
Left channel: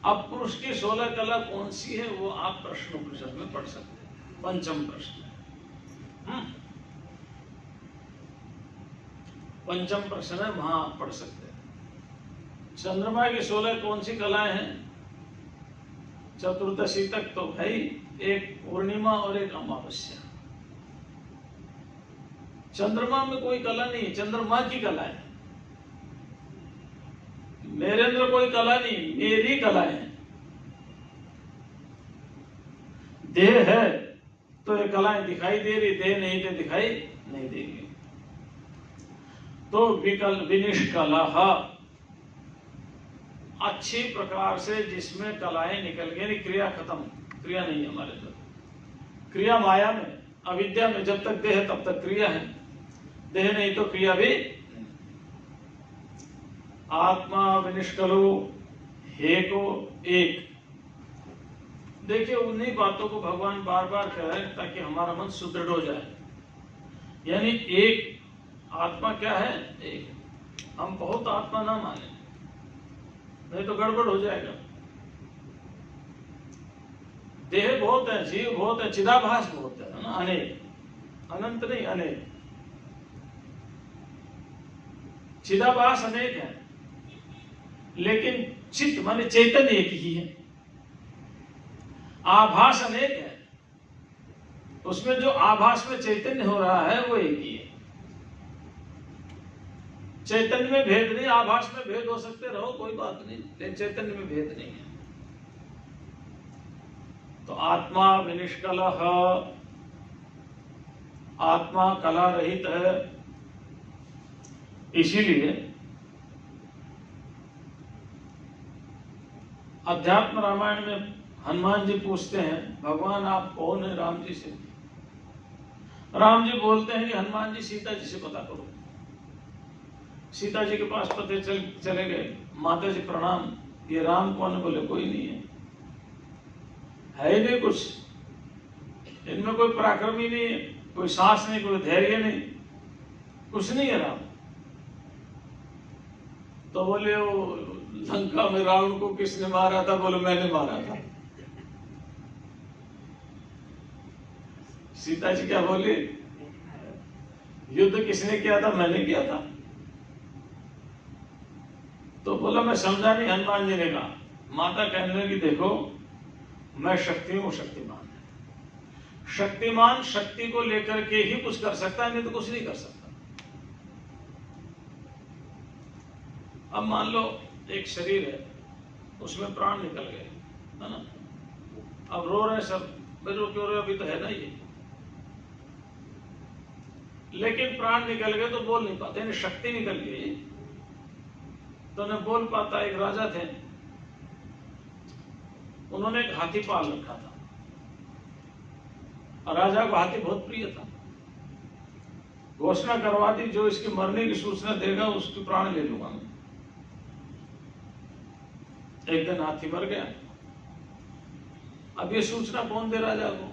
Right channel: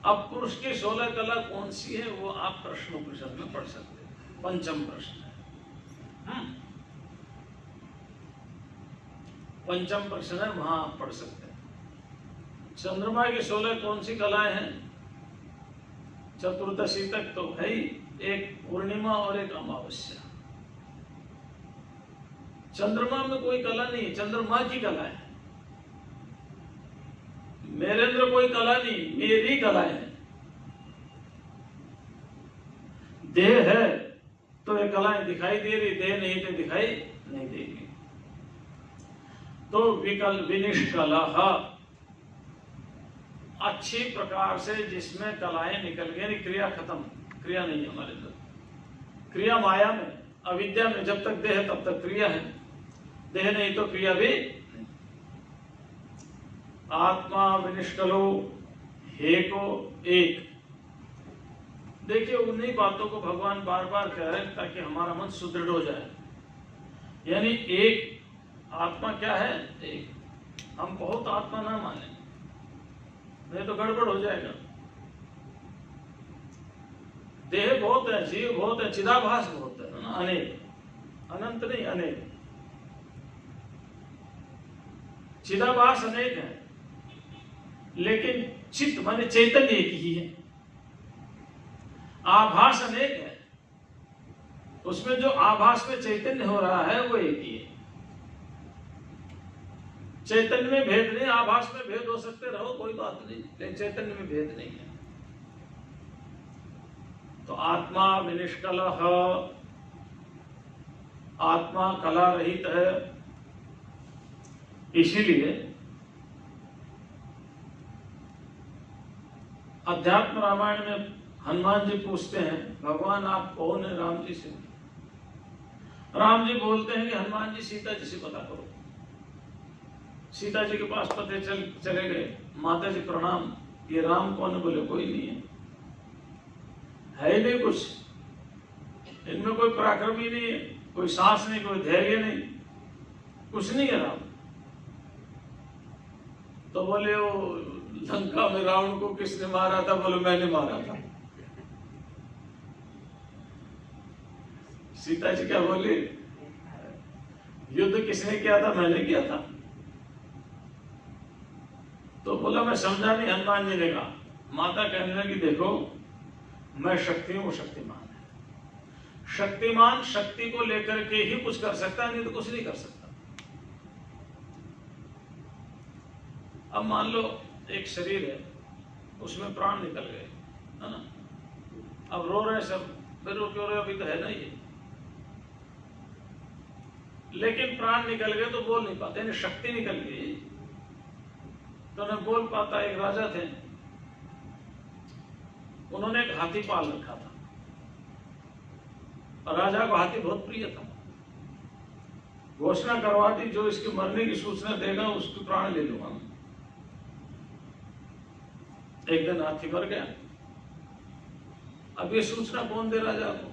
अब पुरुष की 16 कला कौन सी है वो आप प्रश्नोपनिषद में पढ़ सकते हैं, पंचम प्रश्न है। पंचम प्रश्न है, वहां आप पढ़ सकते हैं। चंद्रमा की 16 कौन सी कलाएं हैं? चतुर्दशी तक तो है ही, एक पूर्णिमा और एक अमावस्या। चंद्रमा में कोई कला नहीं, चंद्रमा की कला है। मेरे अंदर कोई कला नहीं, मेरी कलाएं हैं। देह है तो ये कलाएं दिखाई दे रही, देह नहीं तो दिखाई नहीं देगी। तो विनिष्कला अच्छी प्रकार से जिसमें कलाएं निकल गई, क्रिया खत्म, क्रिया नहीं है हमारे अंदर। क्रिया माया में, अविद्या में, जब तक देह तब तक क्रिया है, देह नहीं तो क्रिया भी नहीं। आत्मा विनिष्कलो हेको एक। देखिए उन्हीं बातों को भगवान बार बार कह रहे हैं ताकि हमारा मन सुदृढ़ हो जाए। यानी एक आत्मा क्या है? एक। हम बहुत आत्मा ना माने, नहीं तो गड़बड़ हो जाएगा। देह बहुत है, जीव बहुत है, चिदाभास बहुत है ना, अनेक, अनंत नहीं अनेक। चिदाभास अनेक है, लेकिन चित्त माने चैतन्य एक ही है। आभास अनेक है, उसमें जो आभास में चैतन्य हो रहा है वो एक ही है। चैतन्य में भेद नहीं, आभास में भेद हो सकते रहो, कोई बात नहीं, लेकिन चैतन्य में भेद नहीं है। तो आत्मा विनिष्कल, आत्मा कला रहित है। इसीलिए अध्यात्म रामायण में हनुमान जी पूछते हैं, भगवान आप कौन है? राम जी से। राम जी बोलते हैं कि हनुमान जी सीता जी से पता करो। सीता जी के पास पते चले गए, माता जी प्रणाम, ये राम कौन है? बोले कोई नहीं है ही नहीं कुछ, इनमें कोई पराक्रम ही नहीं है, कोई साहस नहीं, कोई धैर्य नहीं, कुछ नहीं है राम। तो बोले वो लंका में रावण को किसने मारा था? बोले मैंने मारा था। सीता जी क्या बोली? युद्ध किसने किया था? मैंने किया था। तो बोला मैं समझा नहीं। हनुमान जी ने कहा, माता कहने लगी देखो मैं शक्ति हूं, शक्तिमान है। शक्तिमान शक्ति को लेकर के ही कुछ कर सकता है, नहीं तो कुछ नहीं कर सकता। अब मान लो एक शरीर है, उसमें प्राण निकल गए, है ना। अब रो रहे सब, मेरे क्यों रो, अभी तो है ना ये। लेकिन प्राण निकल गए तो बोल नहीं पाते, यानी शक्ति निकल गई तो न बोल पाता। एक राजा थे, उन्होंने एक हाथी पाल रखा था और राजा को हाथी बहुत प्रिय था। घोषणा करवा दी, जो इसके मरने की सूचना देगा उसकी प्राण ले लूंगा। एक दिन हाथी मर गया। अब ये सूचना कौन दे राजा को?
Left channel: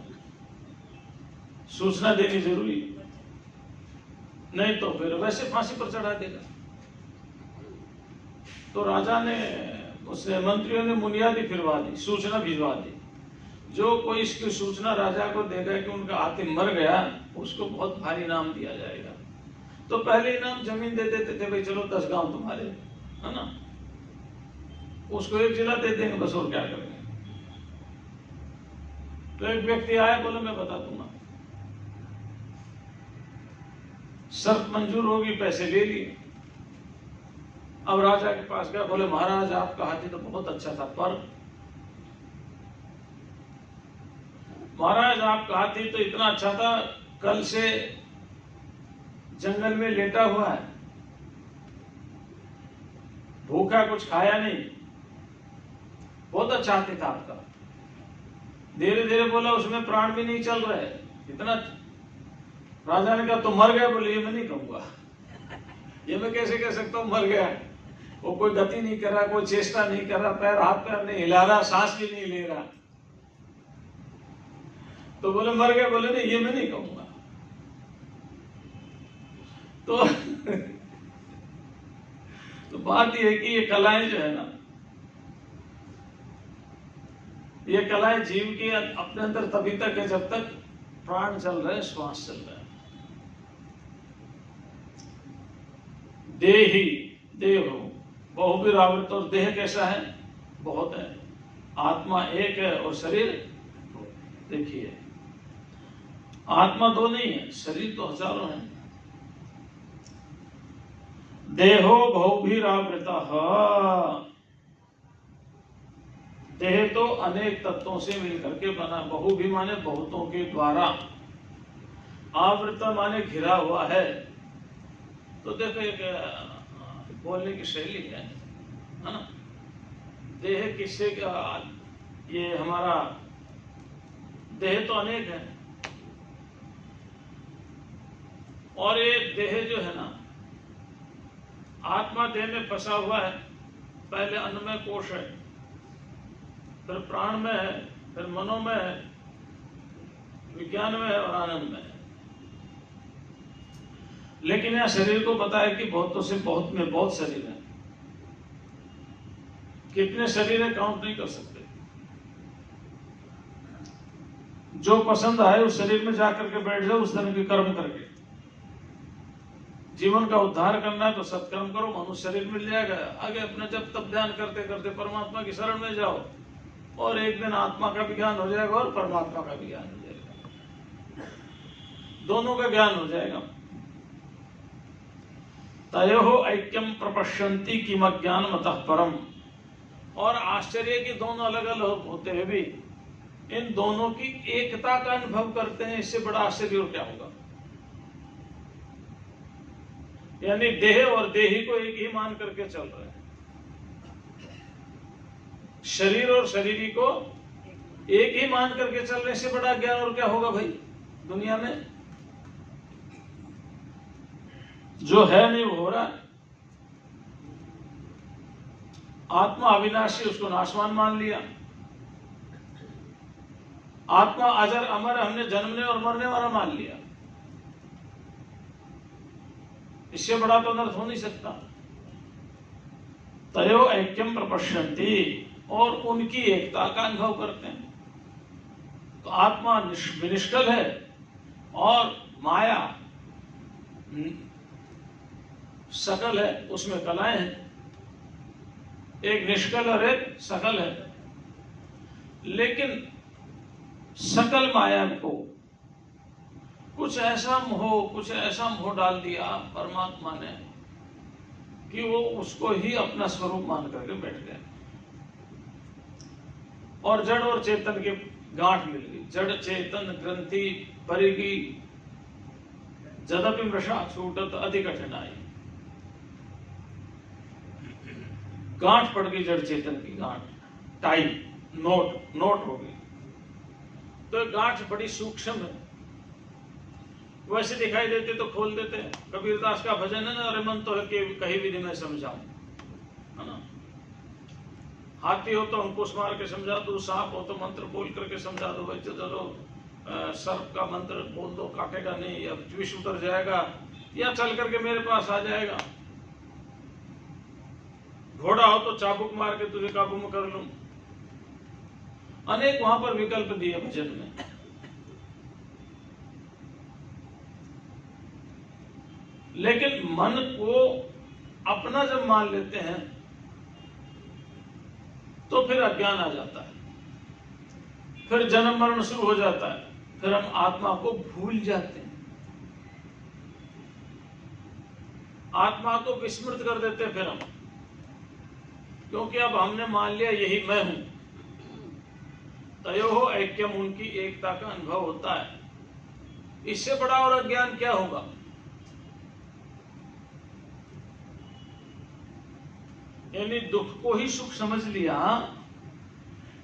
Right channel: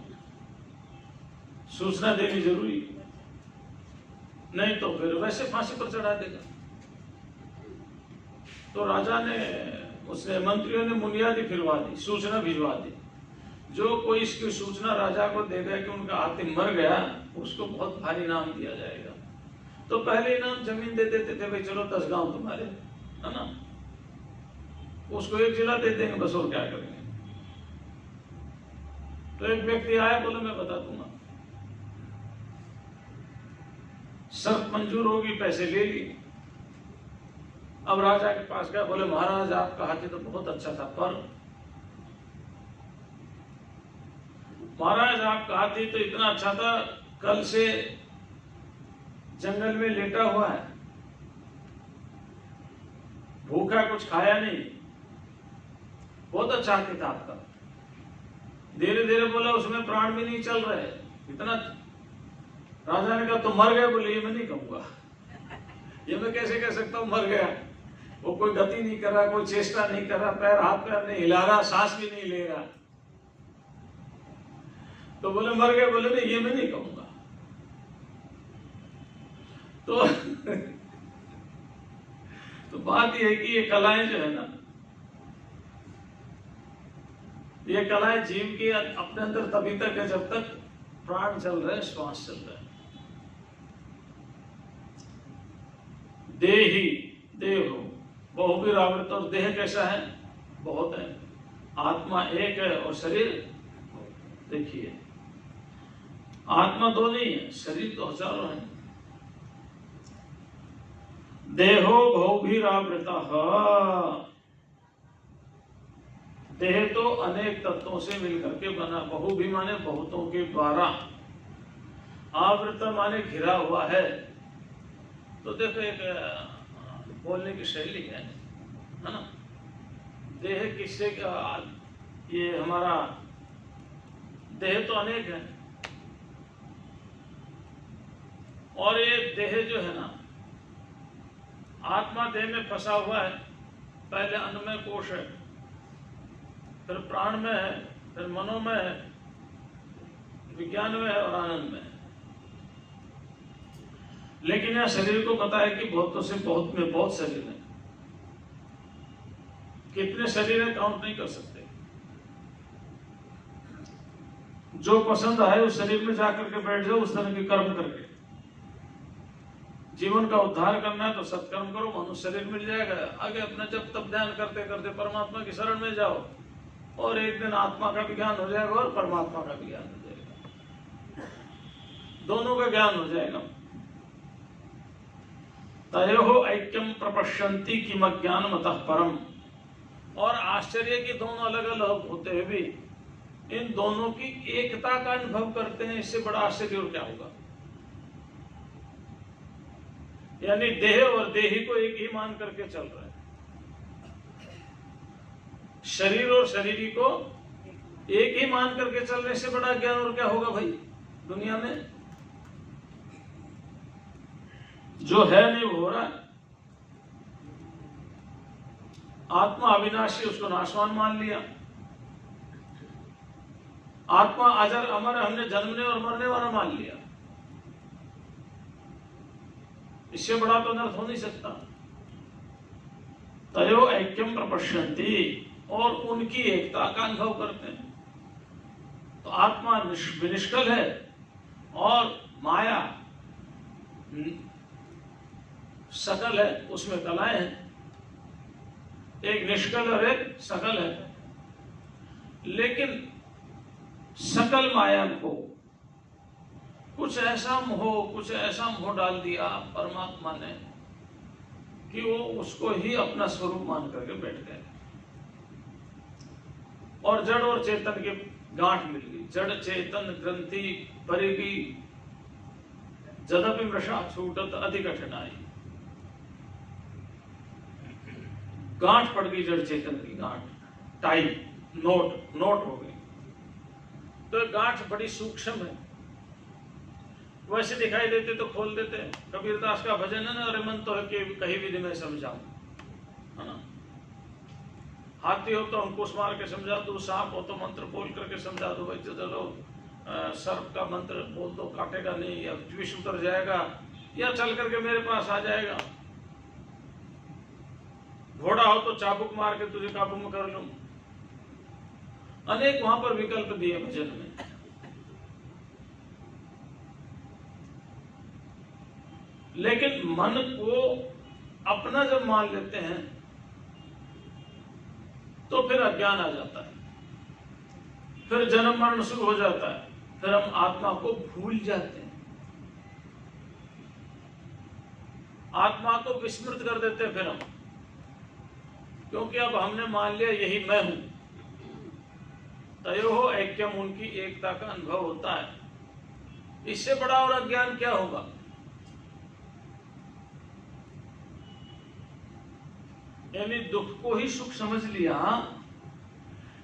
सूचना देनी जरूरी, नहीं तो फिर वैसे फांसी पर चढ़ा देगा। तो राजा ने, उसने मंत्रियों ने मुनियादी फिरवा दी, सूचना भिजवा दी। जो कोई इसकी सूचना राजा को देगा कि उनका हाथी मर गया, उसको बहुत भारी इनाम दिया जाएगा। तो पहले इनाम जमीन दे देते थे, भाई चलो 10 गांव तुम्हारे, है ना, उसको 1 जिला दे देंगे बस, और क्या करेंगे। तो एक व्यक्ति आया, बोले मैं बता दूंगा, शर्त मंजूर होगी, पैसे ले लिए। अब राजा के पास गया, बोले महाराज आपका हाथी तो बहुत अच्छा था, पर महाराज आपका हाथी तो इतना अच्छा था, कल से जंगल में लेटा हुआ है, भूखा, कुछ खाया नहीं, बहुत अच्छा हाथी था आपका। धीरे धीरे बोला उसमें प्राण भी नहीं चल रहे इतना। राजा ने कहा तो मर गया। बोले ये मैं नहीं कहूंगा, ये मैं कैसे कह सकता हूं मर गया, वो कोई गति नहीं कर रहा, कोई चेष्टा नहीं कर रहा, पैर हाथ पैर नहीं हिला रहा, सांस भी नहीं ले रहा। तो बोले मर गया। बोले नहीं ये मैं नहीं कहूंगा। तो बात यह है कि ये कलाएं जो है ना, ये कलाएं जीव के अपने अंदर तभी तक है जब तक प्राण चल रहे, श्वास चल रहा है। देही देहो बहुविरावृत, और देह कैसा है, बहुत है, आत्मा एक है और शरीर, देखिए आत्मा दो नहीं है, शरीर तो हजारों है। देहो बहुभिरावृता, देह तो अनेक तत्वों से मिलकर के बना, बहु भी माने बहुतों के द्वारा, आवृत माने घिरा हुआ है। तो देखो एक बोलने की शैली है ना, देह किससे, ये हमारा देह तो अनेक है, और ये देह जो है ना, आत्मा देह में फंसा हुआ है, पहले अन्नमय कोश है, फिर प्राण में है, फिर मनो में है, विज्ञान में है और आनंद में है। लेकिन यह शरीर को पता है कि बहुतों से बहुत में बहुत शरीर है, कितने शरीर है काउंट नहीं कर सकते। जो पसंद आए उस शरीर में जाकर के बैठ जाओ, उस तरह के कर्म करके। जीवन का उद्धार करना है तो सत्कर्म करो, मनुष्य शरीर मिल जाएगा। आगे अपना जब तब ध्यान करते करते परमात्मा की शरण में जाओ, और एक दिन आत्मा का भी ज्ञान हो जाएगा और परमात्मा का भी ज्ञान हो जाएगा, दोनों का ज्ञान हो जाएगा। तयोः ऐक्यम प्रपश्यन्ति किमज्ञानमतः परम, और आश्चर्य की दोनों अलग अलग होते हुए भी इन दोनों की एकता का अनुभव करते हैं, इससे बड़ा आश्चर्य और क्या होगा। यानी देह और देही को एक ही मान करके चल रहे हैं, शरीर और शरीरी को एक ही मान करके चलने से बड़ा ज्ञान और क्या होगा भाई दुनिया में। जो है नहीं वो हो रहा है। आत्मा अविनाशी, उसको नाशवान मान लिया। आत्मा अजर अमर, हमने जन्मने और मरने वाला मान लिया। इससे बड़ा तो अनर्थ हो नहीं सकता। तयो ऐक्यम प्रपश्यन्ति, और उनकी एकता का अनुभव करते हैं। तो आत्मा विनिष्कल है और माया सकल है, उसमें कलाएं हैं। एक निष्कल और एक सकल है, लेकिन सकल माया को कुछ ऐसा मोह डाल दिया परमात्मा ने कि वो उसको ही अपना स्वरूप मान करके बैठ गए, और जड़ और चेतन के गांठ मिल गई। जड़ चेतन ग्रंथि परिगी, जदपि मृषा छूटत अति कठिनाई। गांठ पड़ गई जड़ चेतन की, गांठ टाई नोट हो गई। तो गांठ बड़ी सूक्ष्म है, वैसे दिखाई देते तो खोल देते हैं। कबीरदास का भजन है ना, अरे मन तो है कि कहीं भी मैं समझाऊं, है ना। हाथी हो तो अंकुश मार के समझा दो, सांप हो तो मंत्र बोल करके समझा दो, भाई चलो सर्प का मंत्र बोल दो, काटेगा नहीं, या विष उतर जाएगा, या चल करके मेरे पास आ जाएगा। घोड़ा हो तो चाबुक मार के तुझे काबू में कर लूं। अनेक वहां पर विकल्प दिए भजन में। लेकिन मन को अपना जब मान लेते हैं तो फिर अज्ञान आ जाता है, फिर जन्म मरण शुरू हो जाता है, फिर हम आत्मा को भूल जाते हैं, आत्मा को विस्मृत कर देते हैं फिर हम, क्योंकि अब हमने मान लिया यही मैं हूं। तयोः ऐक्यम, उनकी एकता का अनुभव होता है। इससे बड़ा और अज्ञान क्या होगा? यानी दुख को ही सुख समझ लिया,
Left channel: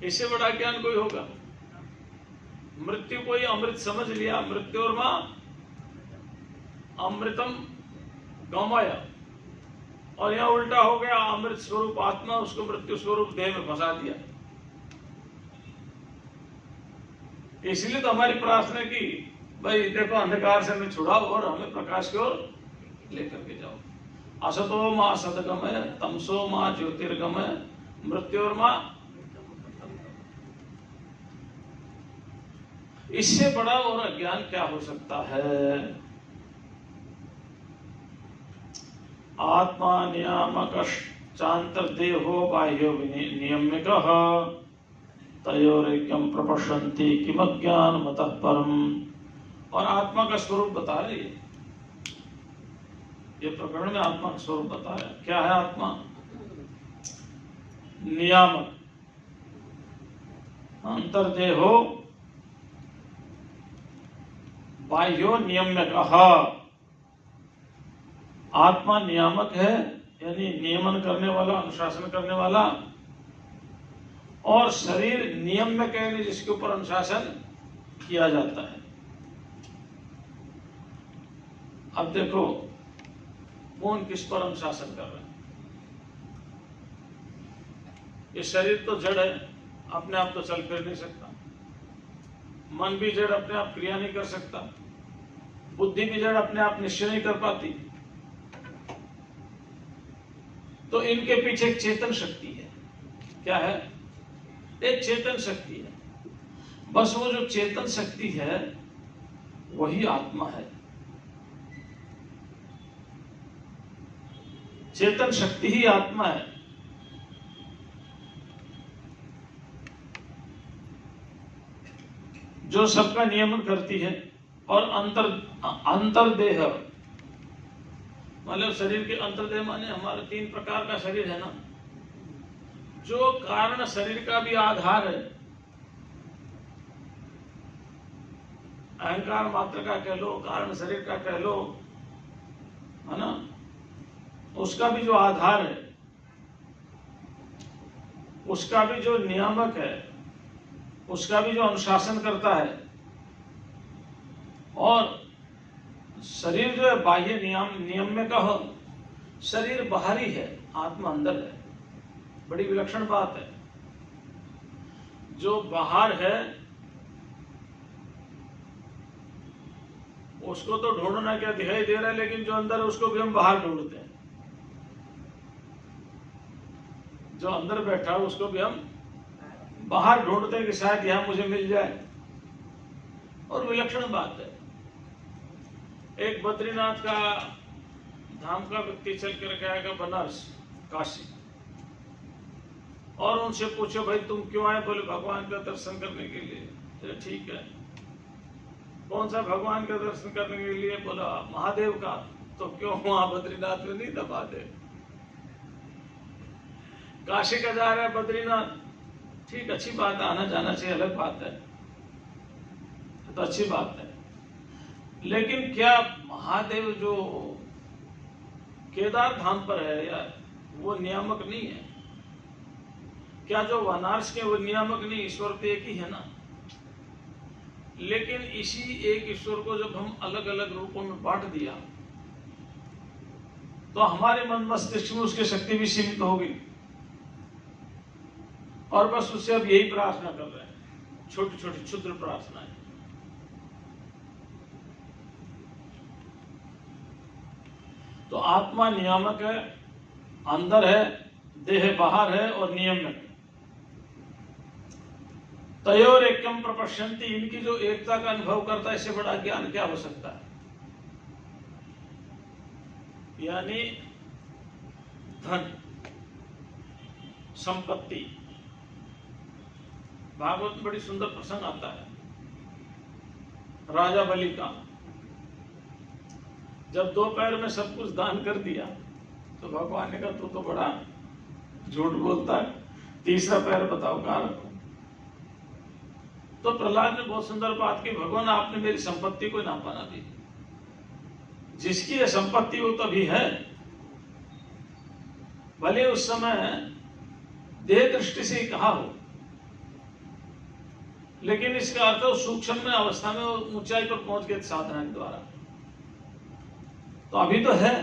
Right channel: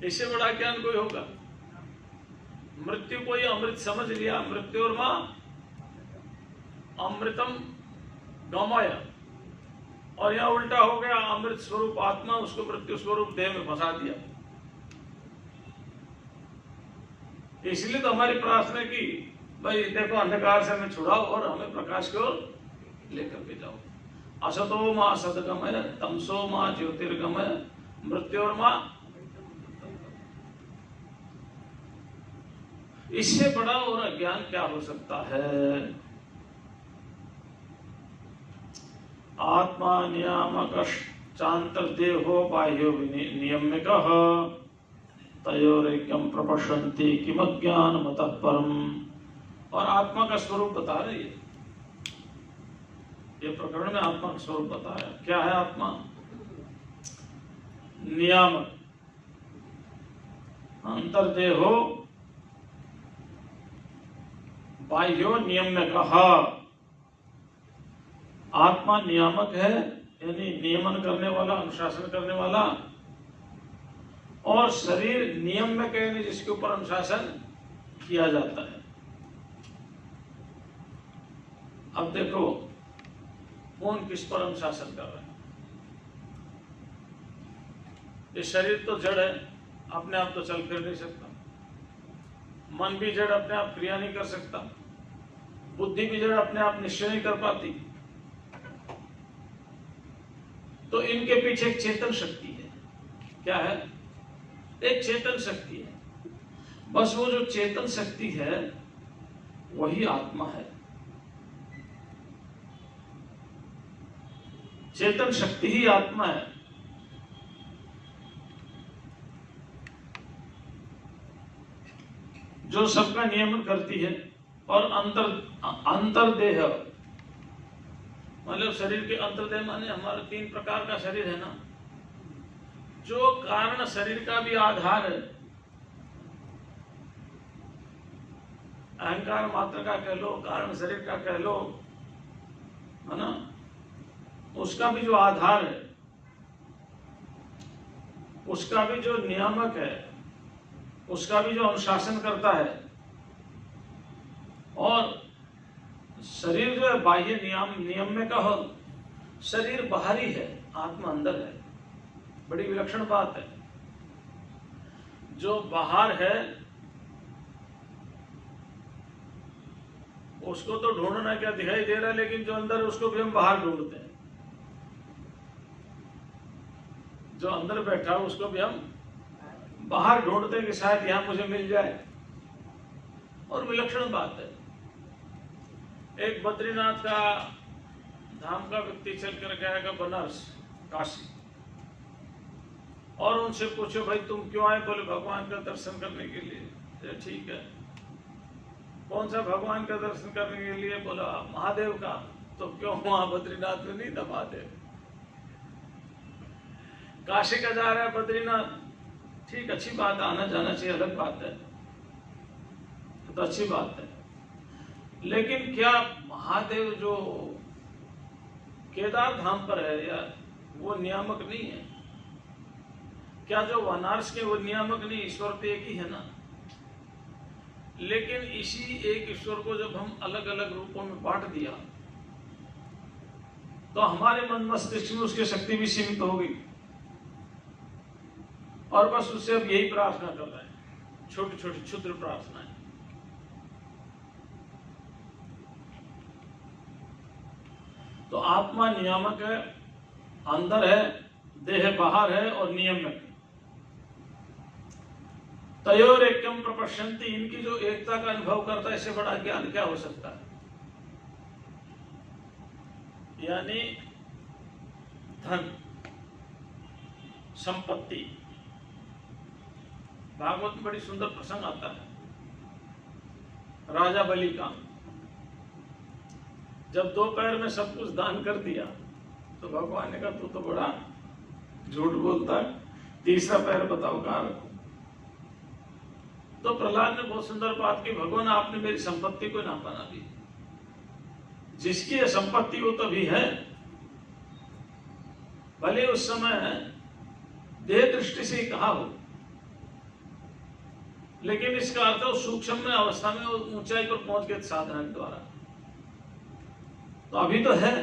इससे बड़ा ज्ञान कोई होगा? मृत्यु को ही अमृत समझ लिया, मृत्यु और मां अमृतम गमाया, और यहां उल्टा हो गया, अमृत स्वरूप आत्मा उसको मृत्यु स्वरूप देह में फंसा दिया। इसलिए तो हमारी प्रार्थना की, भाई देखो अंधकार से हमें छुड़ाओ और हमें प्रकाश की ओर लेकर के जाओ। असतो मां सतगमय, तमसो मां ज्योतिर्गमय, मृत्यु और मां। इससे बड़ा और अज्ञान क्या हो सकता है? आत्मा नियामक चांतर्देहो बाह्यो नियम्यकः तयोरेक्यम प्रपश्यन्ति किमज्ञानमतः परम्। और आत्मा का स्वरूप बता रही है, ये प्रकरण में आत्मा का स्वरूप बता रहा है। क्या है आत्मा? नियामक, अंतर्देहो बाह्यो नियम्यकः। आत्मा नियामक है, यानी नियमन करने वाला, अनुशासन करने वाला, और शरीर नियम्यक है, जिसके ऊपर अनुशासन किया जाता है। अब देखो कौन किस पर अनुशासन कर रहा है। ये शरीर तो जड़ है, अपने आप तो चल फिर नहीं सकता। मन भी जड़ अपने आप क्रिया नहीं कर सकता। बुद्धि भी जड़ अपने आप निश्चय नहीं कर पाती। तो इनके पीछे एक चेतन शक्ति है। क्या है? एक चेतन शक्ति है। बस वो जो चेतन शक्ति है वही आत्मा है। चेतन शक्ति ही आत्मा है। जो सबका नियमन करती है। और अंतर्देह मतलब शरीर के अंतर्देह माने हमारे 3 प्रकार का शरीर है ना, जो कारण शरीर का भी आधार है। अहंकार मात्र का कह लो, कारण शरीर का कह लो, है ना, उसका भी जो आधार है, उसका भी जो नियामक है, उसका भी जो अनुशासन करता है। और शरीर जो है बाह्य नियम का हो, शरीर बाहरी है, आत्मा अंदर है। बड़ी विलक्षण बात है। जो बाहर है उसको तो ढूंढना क्या दिखाई दे रहा है, लेकिन जो अंदर है उसको भी हम बाहर ढूंढते हैं। जो अंदर बैठा है उसको भी हम बाहर ढूंढते हैं कि शायद यहां मुझे मिल जाए। और विलक्षण बात है। एक बद्रीनाथ का धाम का व्यक्ति चल कर गया बनारस, काशी, और उनसे पूछो भाई तुम क्यों आए? बोले भगवान का दर्शन करने के लिए। ठीक है, कौन सा भगवान का दर्शन करने के लिए? बोला महादेव का। तो क्यों वहां बद्रीनाथ में नहीं था महादेव? काशी का जा रहा है बद्रीनाथ, ठीक, अच्छी बात है, आना जाना चाहिए, अलग बात है, तो अच्छी बात है। लेकिन क्या महादेव जो केदार धाम पर है यार, वो नियामक नहीं है? क्या जो बनारस के वो नियामक नहीं? ईश्वर तो एक ही है ना। लेकिन इसी एक ईश्वर को जब हम अलग अलग रूपों में बांट दिया तो हमारे मन मस्तिष्क में उसकी शक्ति भी सीमित होगी। और बस उससे अब यही प्रार्थना कर रहे हैं, छोटी छोटी क्षुद्र प्रार्थनाएं। तो आत्मा नियामक है, अंदर है, देह बाहर है, और नियमक है। तयोर एकम प्रपश्यन्ति, इनकी जो एकता का अनुभव करता है, इससे बड़ा ज्ञान क्या हो सकता है? यानी धन, संपत्ति। भागवत में बड़ी सुंदर प्रसंग आता है राजा बलि का। जब दोपहर में सब कुछ दान कर दिया तो भगवान ने कहा तू तो बड़ा झूठ बोलता है, तीसरा पैर बताओ कहाँ रखो। तो प्रहलाद ने बहुत सुंदर बात की, भगवान आपने मेरी संपत्ति को नापा ना दी। जिसकी यह संपत्ति वो तभी है, भले उस समय देह दृष्टि से ही कहा हो, लेकिन इसका अर्थ है सूक्ष्म में अवस्था में वो ऊंचाई पर पहुंच गए साधना के द्वारा। तो अभी तो है,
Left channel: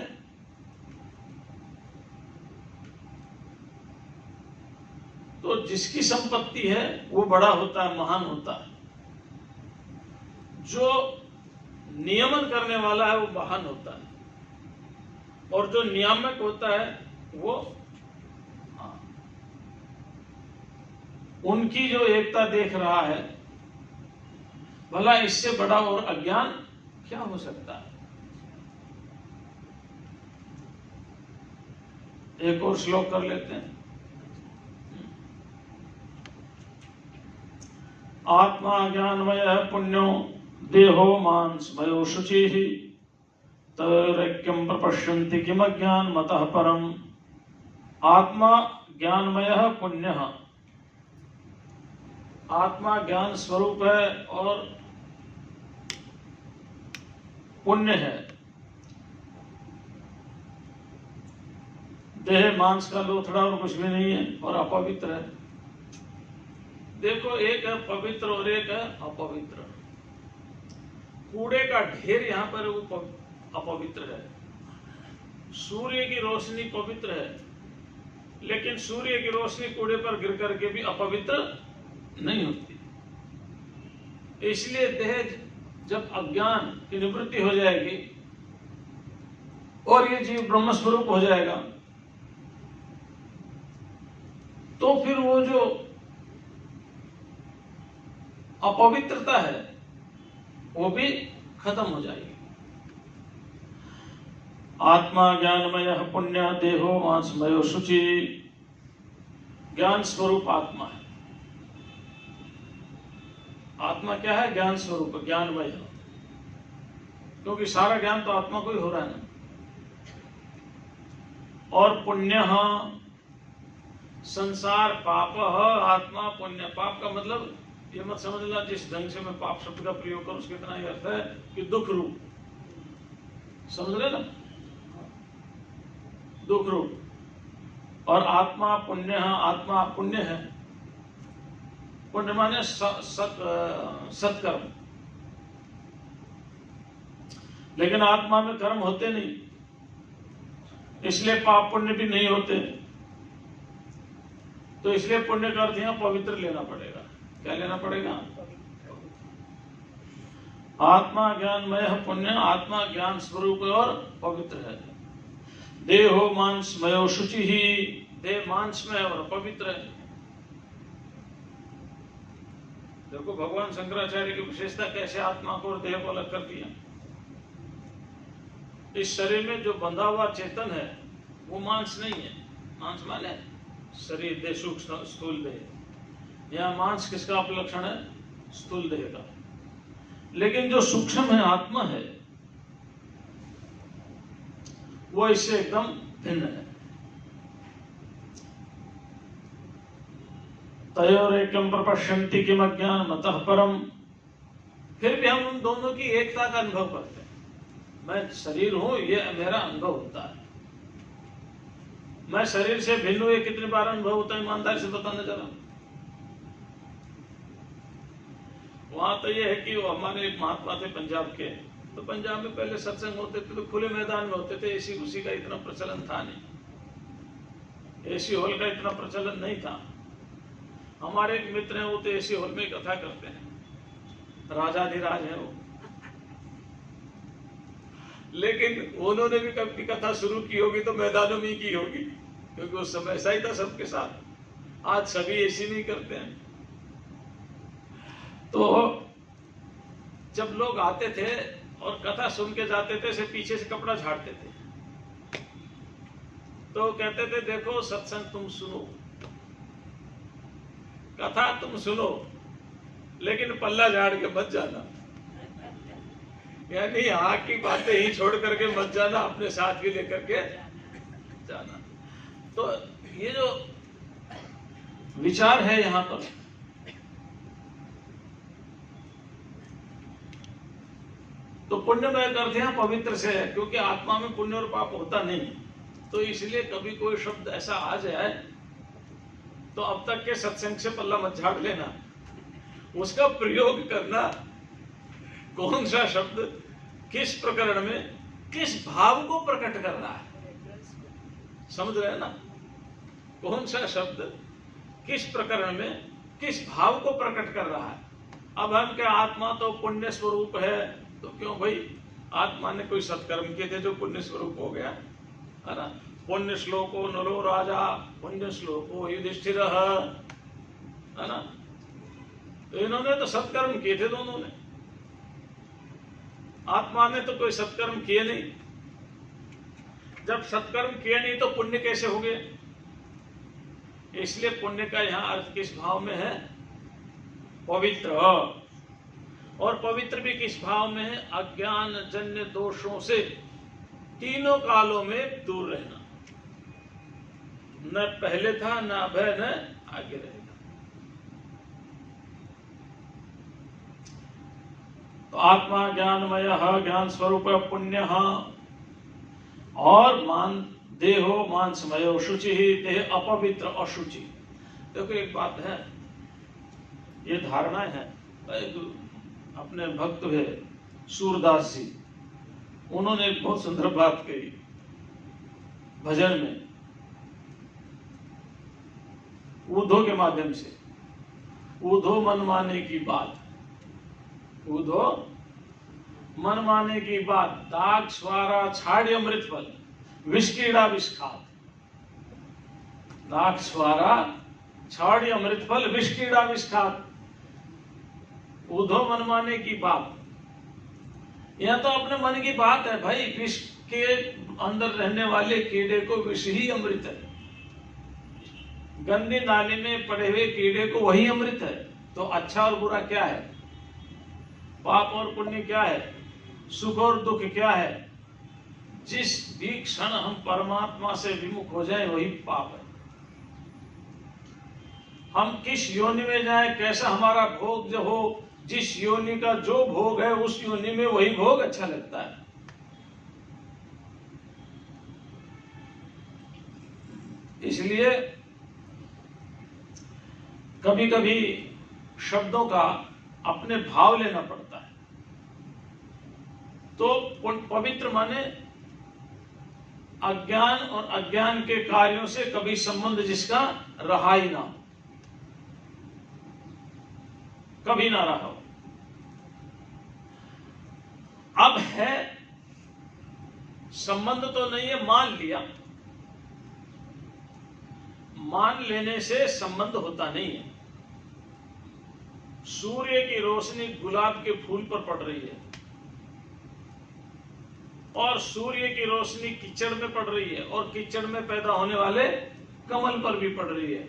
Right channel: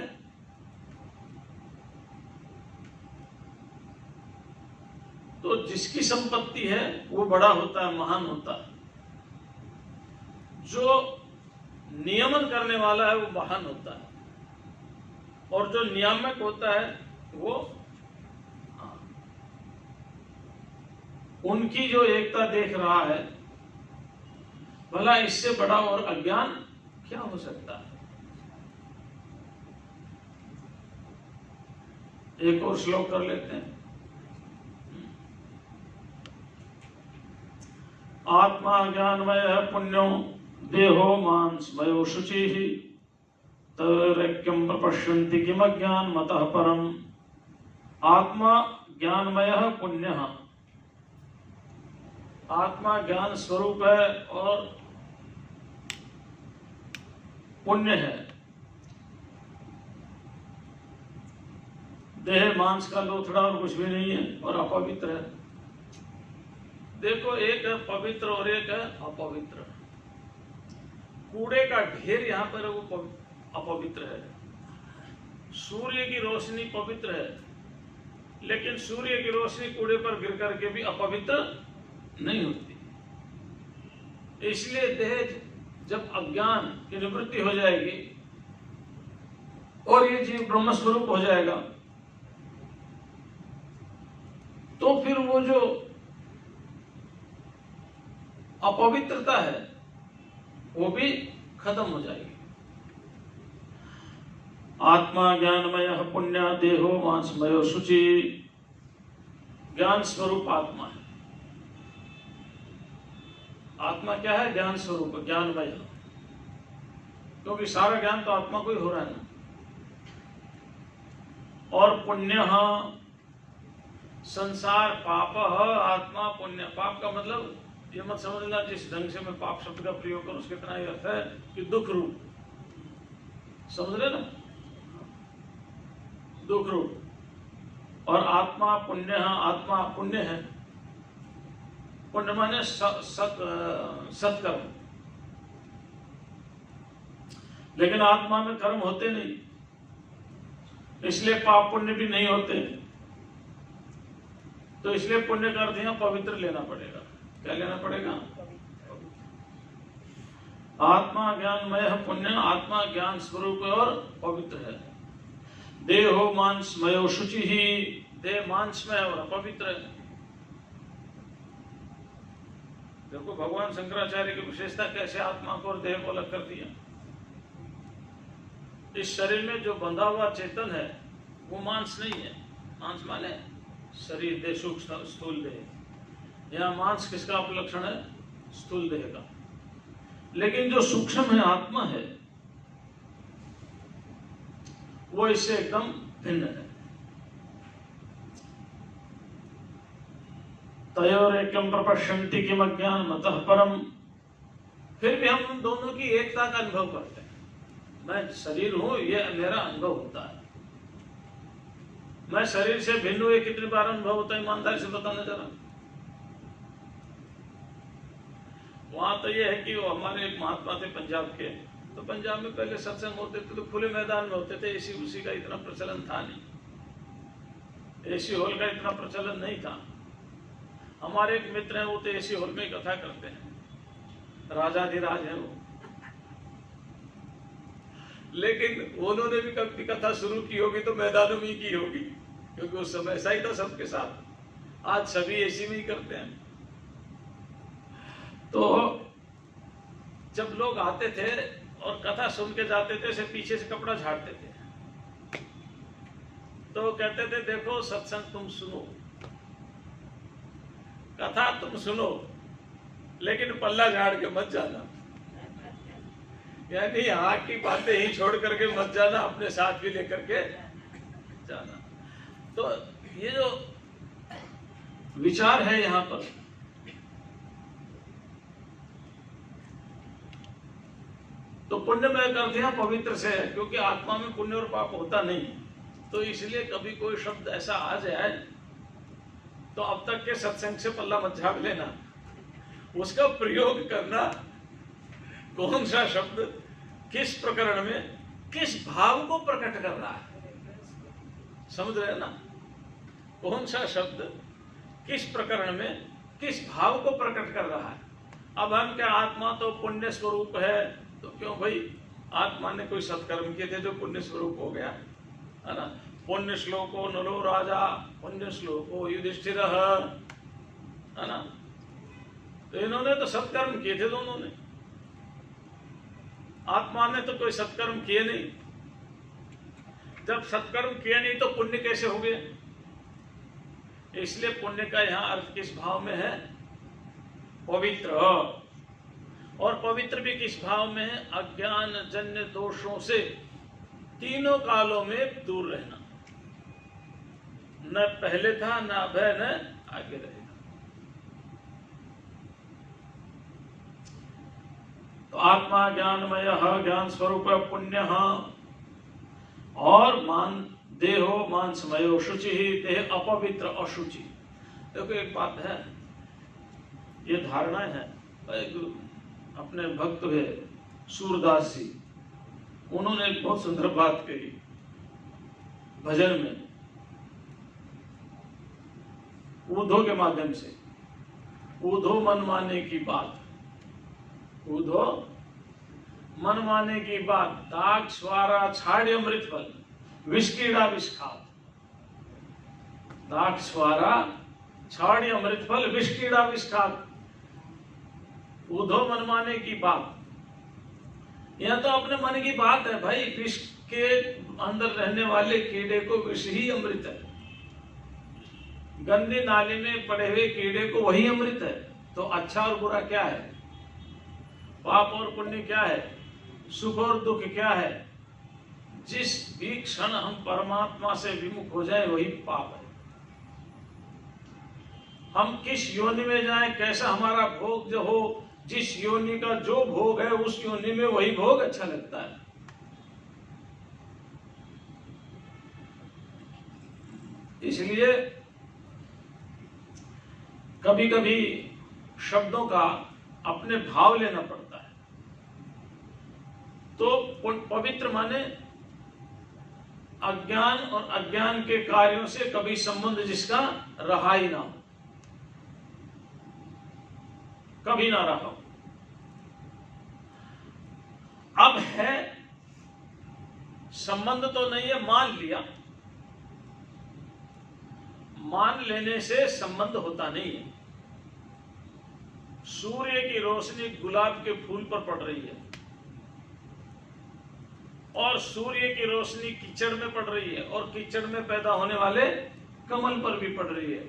तो जिसकी संपत्ति है वो बड़ा होता है, महान होता है। जो नियमन करने वाला है वो महान होता है, और जो नियामक होता है वो, उनकी जो एकता देख रहा है, भला इससे बड़ा और अज्ञान क्या हो सकता है। एक और श्लोक कर लेते हैं। आत्मा ज्ञानमय पुण्यो देहो मांसमयो शुचिः तैक्यम प्रपश्यन्ति किम ज्ञान मतः परम। आत्मा ज्ञानमय पुण्यः, आत्मा ज्ञान स्वरूप है और पुण्य है। देह मांस का लोथड़ा और कुछ भी नहीं है, और अपवित्र है। देखो, एक है पवित्र और एक है अपवित्र। कूड़े का ढेर यहां पर वो अपवित्र है। सूर्य की रोशनी पवित्र है, लेकिन सूर्य की रोशनी कूड़े पर गिर करके भी अपवित्र नहीं होती। इसलिए देह जब अज्ञान की निवृत्ति हो जाएगी और ये जीव ब्रह्म स्वरूप हो जाएगा, तो फिर वो जो अपवित्रता है वो भी खत्म हो जाएगी। आत्मा ज्ञानमय पुण्य देहो मांसमयो शुचि। ज्ञान स्वरूप आत्मा है। आत्मा क्या है? ज्ञान स्वरूप, ज्ञानमय। क्योंकि सारा ज्ञान तो आत्मा को ही हो रहा है ना। और पुण्य संसार पाप आत्मा पुण्य। पाप का मतलब ये मत समझना जिस ढंग से मैं पाप शब्द का प्रयोग करूं उसके इतना ही अर्थ है कि दुख रूप, समझ रहे ना, दुख रूप। और आत्मा पुण्य, आत्मा पुण्य है। पुण्य माने सत्कर्म। लेकिन आत्मा में कर्म होते नहीं, इसलिए पाप पुण्य भी नहीं होते। तो इसलिए पुण्य का अर्थ यहां पवित्र लेना पड़ेगा। क्या लेना पड़ेगा? आत्मा ज्ञानमय पुण्य। आत्मा ज्ञान स्वरूप और पवित्र है। देहो मांसमयो शुचि ही। देह मांसमय और पवित्र है। देखो भगवान शंकराचार्य की विशेषता कैसे आत्मा को और देह को अलग कर दिया। इस शरीर में जो बंधा हुआ चेतन है वो मांस नहीं है। मांस माने शरीर, देह, सूक्ष्म स्थूल देह। यहाँ मांस किसका अपलक्षण है? स्थूल देह का। लेकिन जो सूक्ष्म है, आत्मा है, वो इससे एकदम भिन्न है। तयोरेकं प्रपश्यन्ति किम अज्ञान मतः परम। फिर भी हम उन दोनों की एकता का अनुभव करते हैं। मैं शरीर हूं, ये मेरा अनुभव होता है। मैं शरीर से भिन्न हूं, ये कितनी बार अनुभव होता है? ईमानदारी से बताना जरा। वहां तो ये है कि वो हमारे एक महात्मा थे पंजाब के। तो पंजाब में पहले सत्संग होते थे तो खुले मैदान में होते थे। एसी उसी का इतना प्रचलन था नहीं, एसी हॉल का इतना प्रचलन नहीं था। हमारे एक मित्र हैं, वो तो एसी हॉल में कथा करते हैं, राजाधिराज है वो। लेकिन उन्होंने भी कभी कथा शुरू की होगी तो मैदानों में ही की होगी, क्योंकि उस समय ऐसा ही था सबके साथ। आज सभी एसी में ही करते हैं। तो जब लोग आते थे और कथा सुन के जाते थे, से पीछे से कपड़ा झाड़ते थे। तो कहते थे देखो सत्संग तुम सुनो, कथा तुम सुनो, लेकिन पल्ला झाड़ के मत जाना, यानी यहाँ की बातें ही छोड़ करके मत जाना, अपने साथ भी लेकर के जाना। तो ये जो विचार है यहाँ पर, तो पुण्यमय करते हैं पवित्र से है, क्योंकि आत्मा में पुण्य और पाप होता नहीं, तो इसलिए कभी कोई शब्द ऐसा आ जाए तो अब तक के सत्संग से पल्ला मत झाड़ लेना, उसका प्रयोग करना, कौन सा शब्द किस प्रकरण में किस भाव को प्रकट कर रहा है, समझ रहे हैं ना, कौन सा शब्द किस प्रकरण में किस भाव को प्रकट कर रहा है। अब हम क्या आत्मा तो पुण्य स्वरूप है, तो क्यों भाई आत्मा ने कोई सत्कर्म किए थे जो पुण्य स्वरूप हो गया, है ना। पुण्य श्लोको नलो राजा पुण्य श्लोको युधिष्ठिर, है ना। तो इन्होंने तो सत्कर्म किए थे दोनों ने, आत्मा ने तो कोई सत्कर्म किए नहीं। जब सत्कर्म किए नहीं तो पुण्य कैसे हो गए? इसलिए पुण्य का यहां अर्थ किस भाव में है? पवित्र। और पवित्र भी किस भाव में है? अज्ञान जन्य दोषों से तीनों कालों में दूर रहना, न पहले था, न अब है, न आगे रहेगा। तो आत्मा ज्ञानमय ज्ञान स्वरूप पुण्य, और मान देहो मांसमयो शुचि, देह अपवित्र अशुचि। देखो एक बात है, ये धारणा है, अपने भक्त हुए सूरदास जी, उन्होंने एक बहुत सुंदर बात कही भजन में, ऊधो के माध्यम से। ऊधो मनमाने की बात, ऊधो मनमाने की बात, दाग स्वारा छाड़ी अमृत फल, विष कीड़ा विष खात। दाग स्वारा छाड़ी अमृत फल, विष कीड़ा विष खात। ऊधो मनमाने की बात, यह तो अपने मन की बात है भाई। विष के अंदर रहने वाले कीड़े को विष ही अमृत है, गंदी नाली में पड़े हुए कीड़े को वही अमृत है। तो अच्छा और बुरा क्या है? पाप और पुण्य क्या है? सुख और दुख क्या है? जिस भी क्षण हम परमात्मा से विमुख हो जाए वही पाप है। हम किस योनि में जाए, कैसा हमारा भोग जो हो, जिस योनि का जो भोग है उस योनि में वही भोग अच्छा लगता है। इसलिए कभी कभी शब्दों का अपने भाव लेना पड़ता है। तो पवित्र माने अज्ञान और अज्ञान के कार्यों से कभी संबंध जिसका रहा ही ना हो, कभी ना रहा हो। अब है संबंध तो नहीं है, मान लिया। मान लेने से संबंध होता नहीं है। सूर्य की रोशनी गुलाब के फूल पर पड़ रही है और सूर्य की रोशनी कीचड़ में पड़ रही है और कीचड़ में पैदा होने वाले कमल पर भी पड़ रही है।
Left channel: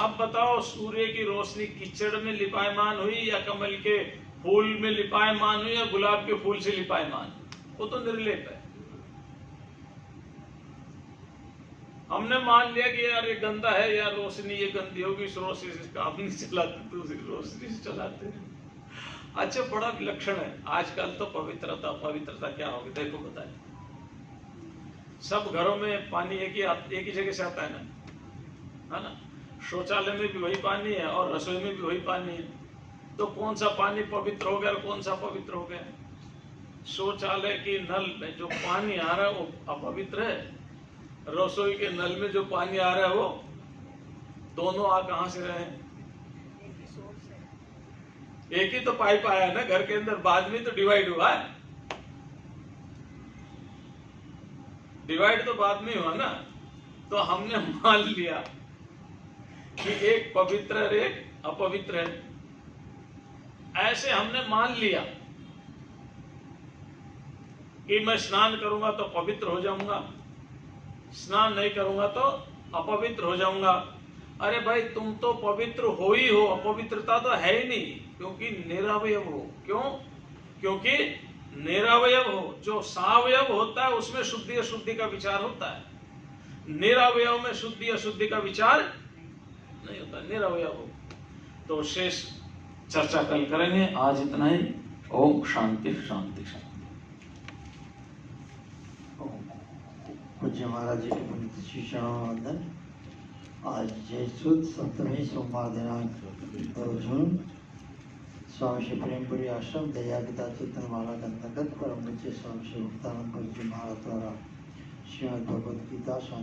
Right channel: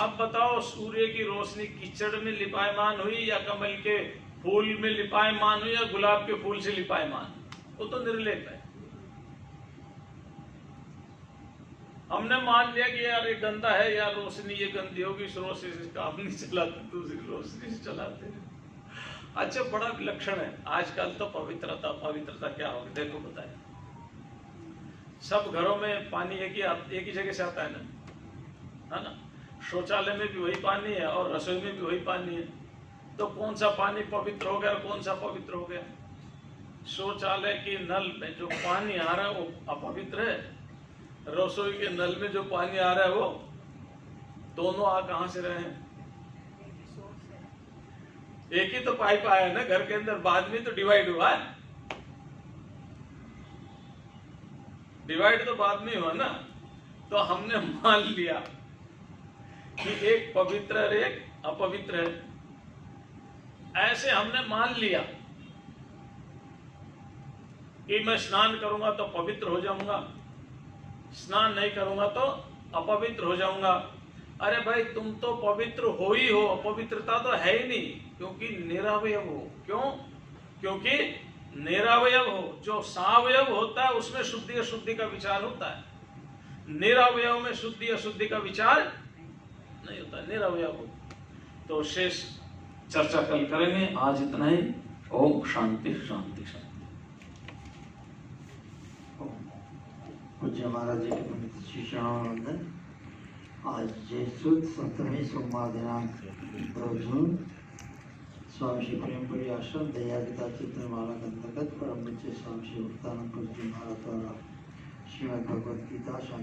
अब बताओ, सूर्य की रोशनी कीचड़ में लिपायमान हुई या कमल के फूल में लिपायमान हुई या गुलाब के फूल से लिपायमान? वो तो निर्लेप है। हमने मान लिया कि यार ये गंदा है, यार रोशनी ये गंदी होगी, इस रोशनी से काम नहीं चलाते, दूसरी रोशनी से चलाते हैं। अच्छा, बड़ा विलक्षण है आजकल तो पवित्रता। पवित्रता क्या होगी? देखो बताए, सब घरों में पानी एक ही जगह से आता है ना, है ना। शौचालय में भी वही पानी है और रसोई में भी वही पानी है। तो कौन सा पानी पवित्र हो गया और कौन सा पवित्र हो गया? शौचालय के नल में जो पानी आ रहा है वो अपवित्र है, रसोई के नल में जो पानी आ रहा है वो, दोनों आ कहां से रहे हैं? एक ही तो पाइप आया है ना घर के अंदर, बाद में तो डिवाइड हुआ है। डिवाइड तो बाद में हुआ ना। तो हमने मान लिया कि एक पवित्र है एक अपवित्र है। ऐसे हमने मान लिया कि मैं स्नान करूंगा तो पवित्र हो जाऊंगा, स्नान नहीं करूंगा तो अपवित्र हो जाऊंगा। अरे भाई तुम तो पवित्र हो ही हो, अपवित्रता तो है ही नहीं, क्योंकि निरवयव हो। क्यों? क्योंकि निरवयव हो। जो सावयव होता है उसमें शुद्धि अशुद्धि का विचार होता है, निरवयव में शुद्धि अशुद्धि का विचार नहीं होता, निरवयव हो। तो शेष चर्चा कल करेंगे, आज इतना ही। ओम शांति शांति शांति। पूज्य महाराज जी के पवित्र शिष्याओं वंदन। आज जय सुद सप्तमी सोमवार दिनांक 2 जून स्वामी श्री प्रेमपुरी आश्रम दया गीता चिंतनमाला के अंतर्गत परम पूज्य स्वामी श्री मुक्तानंद जी महाराज द्वारा श्रीमद् भगवद गीता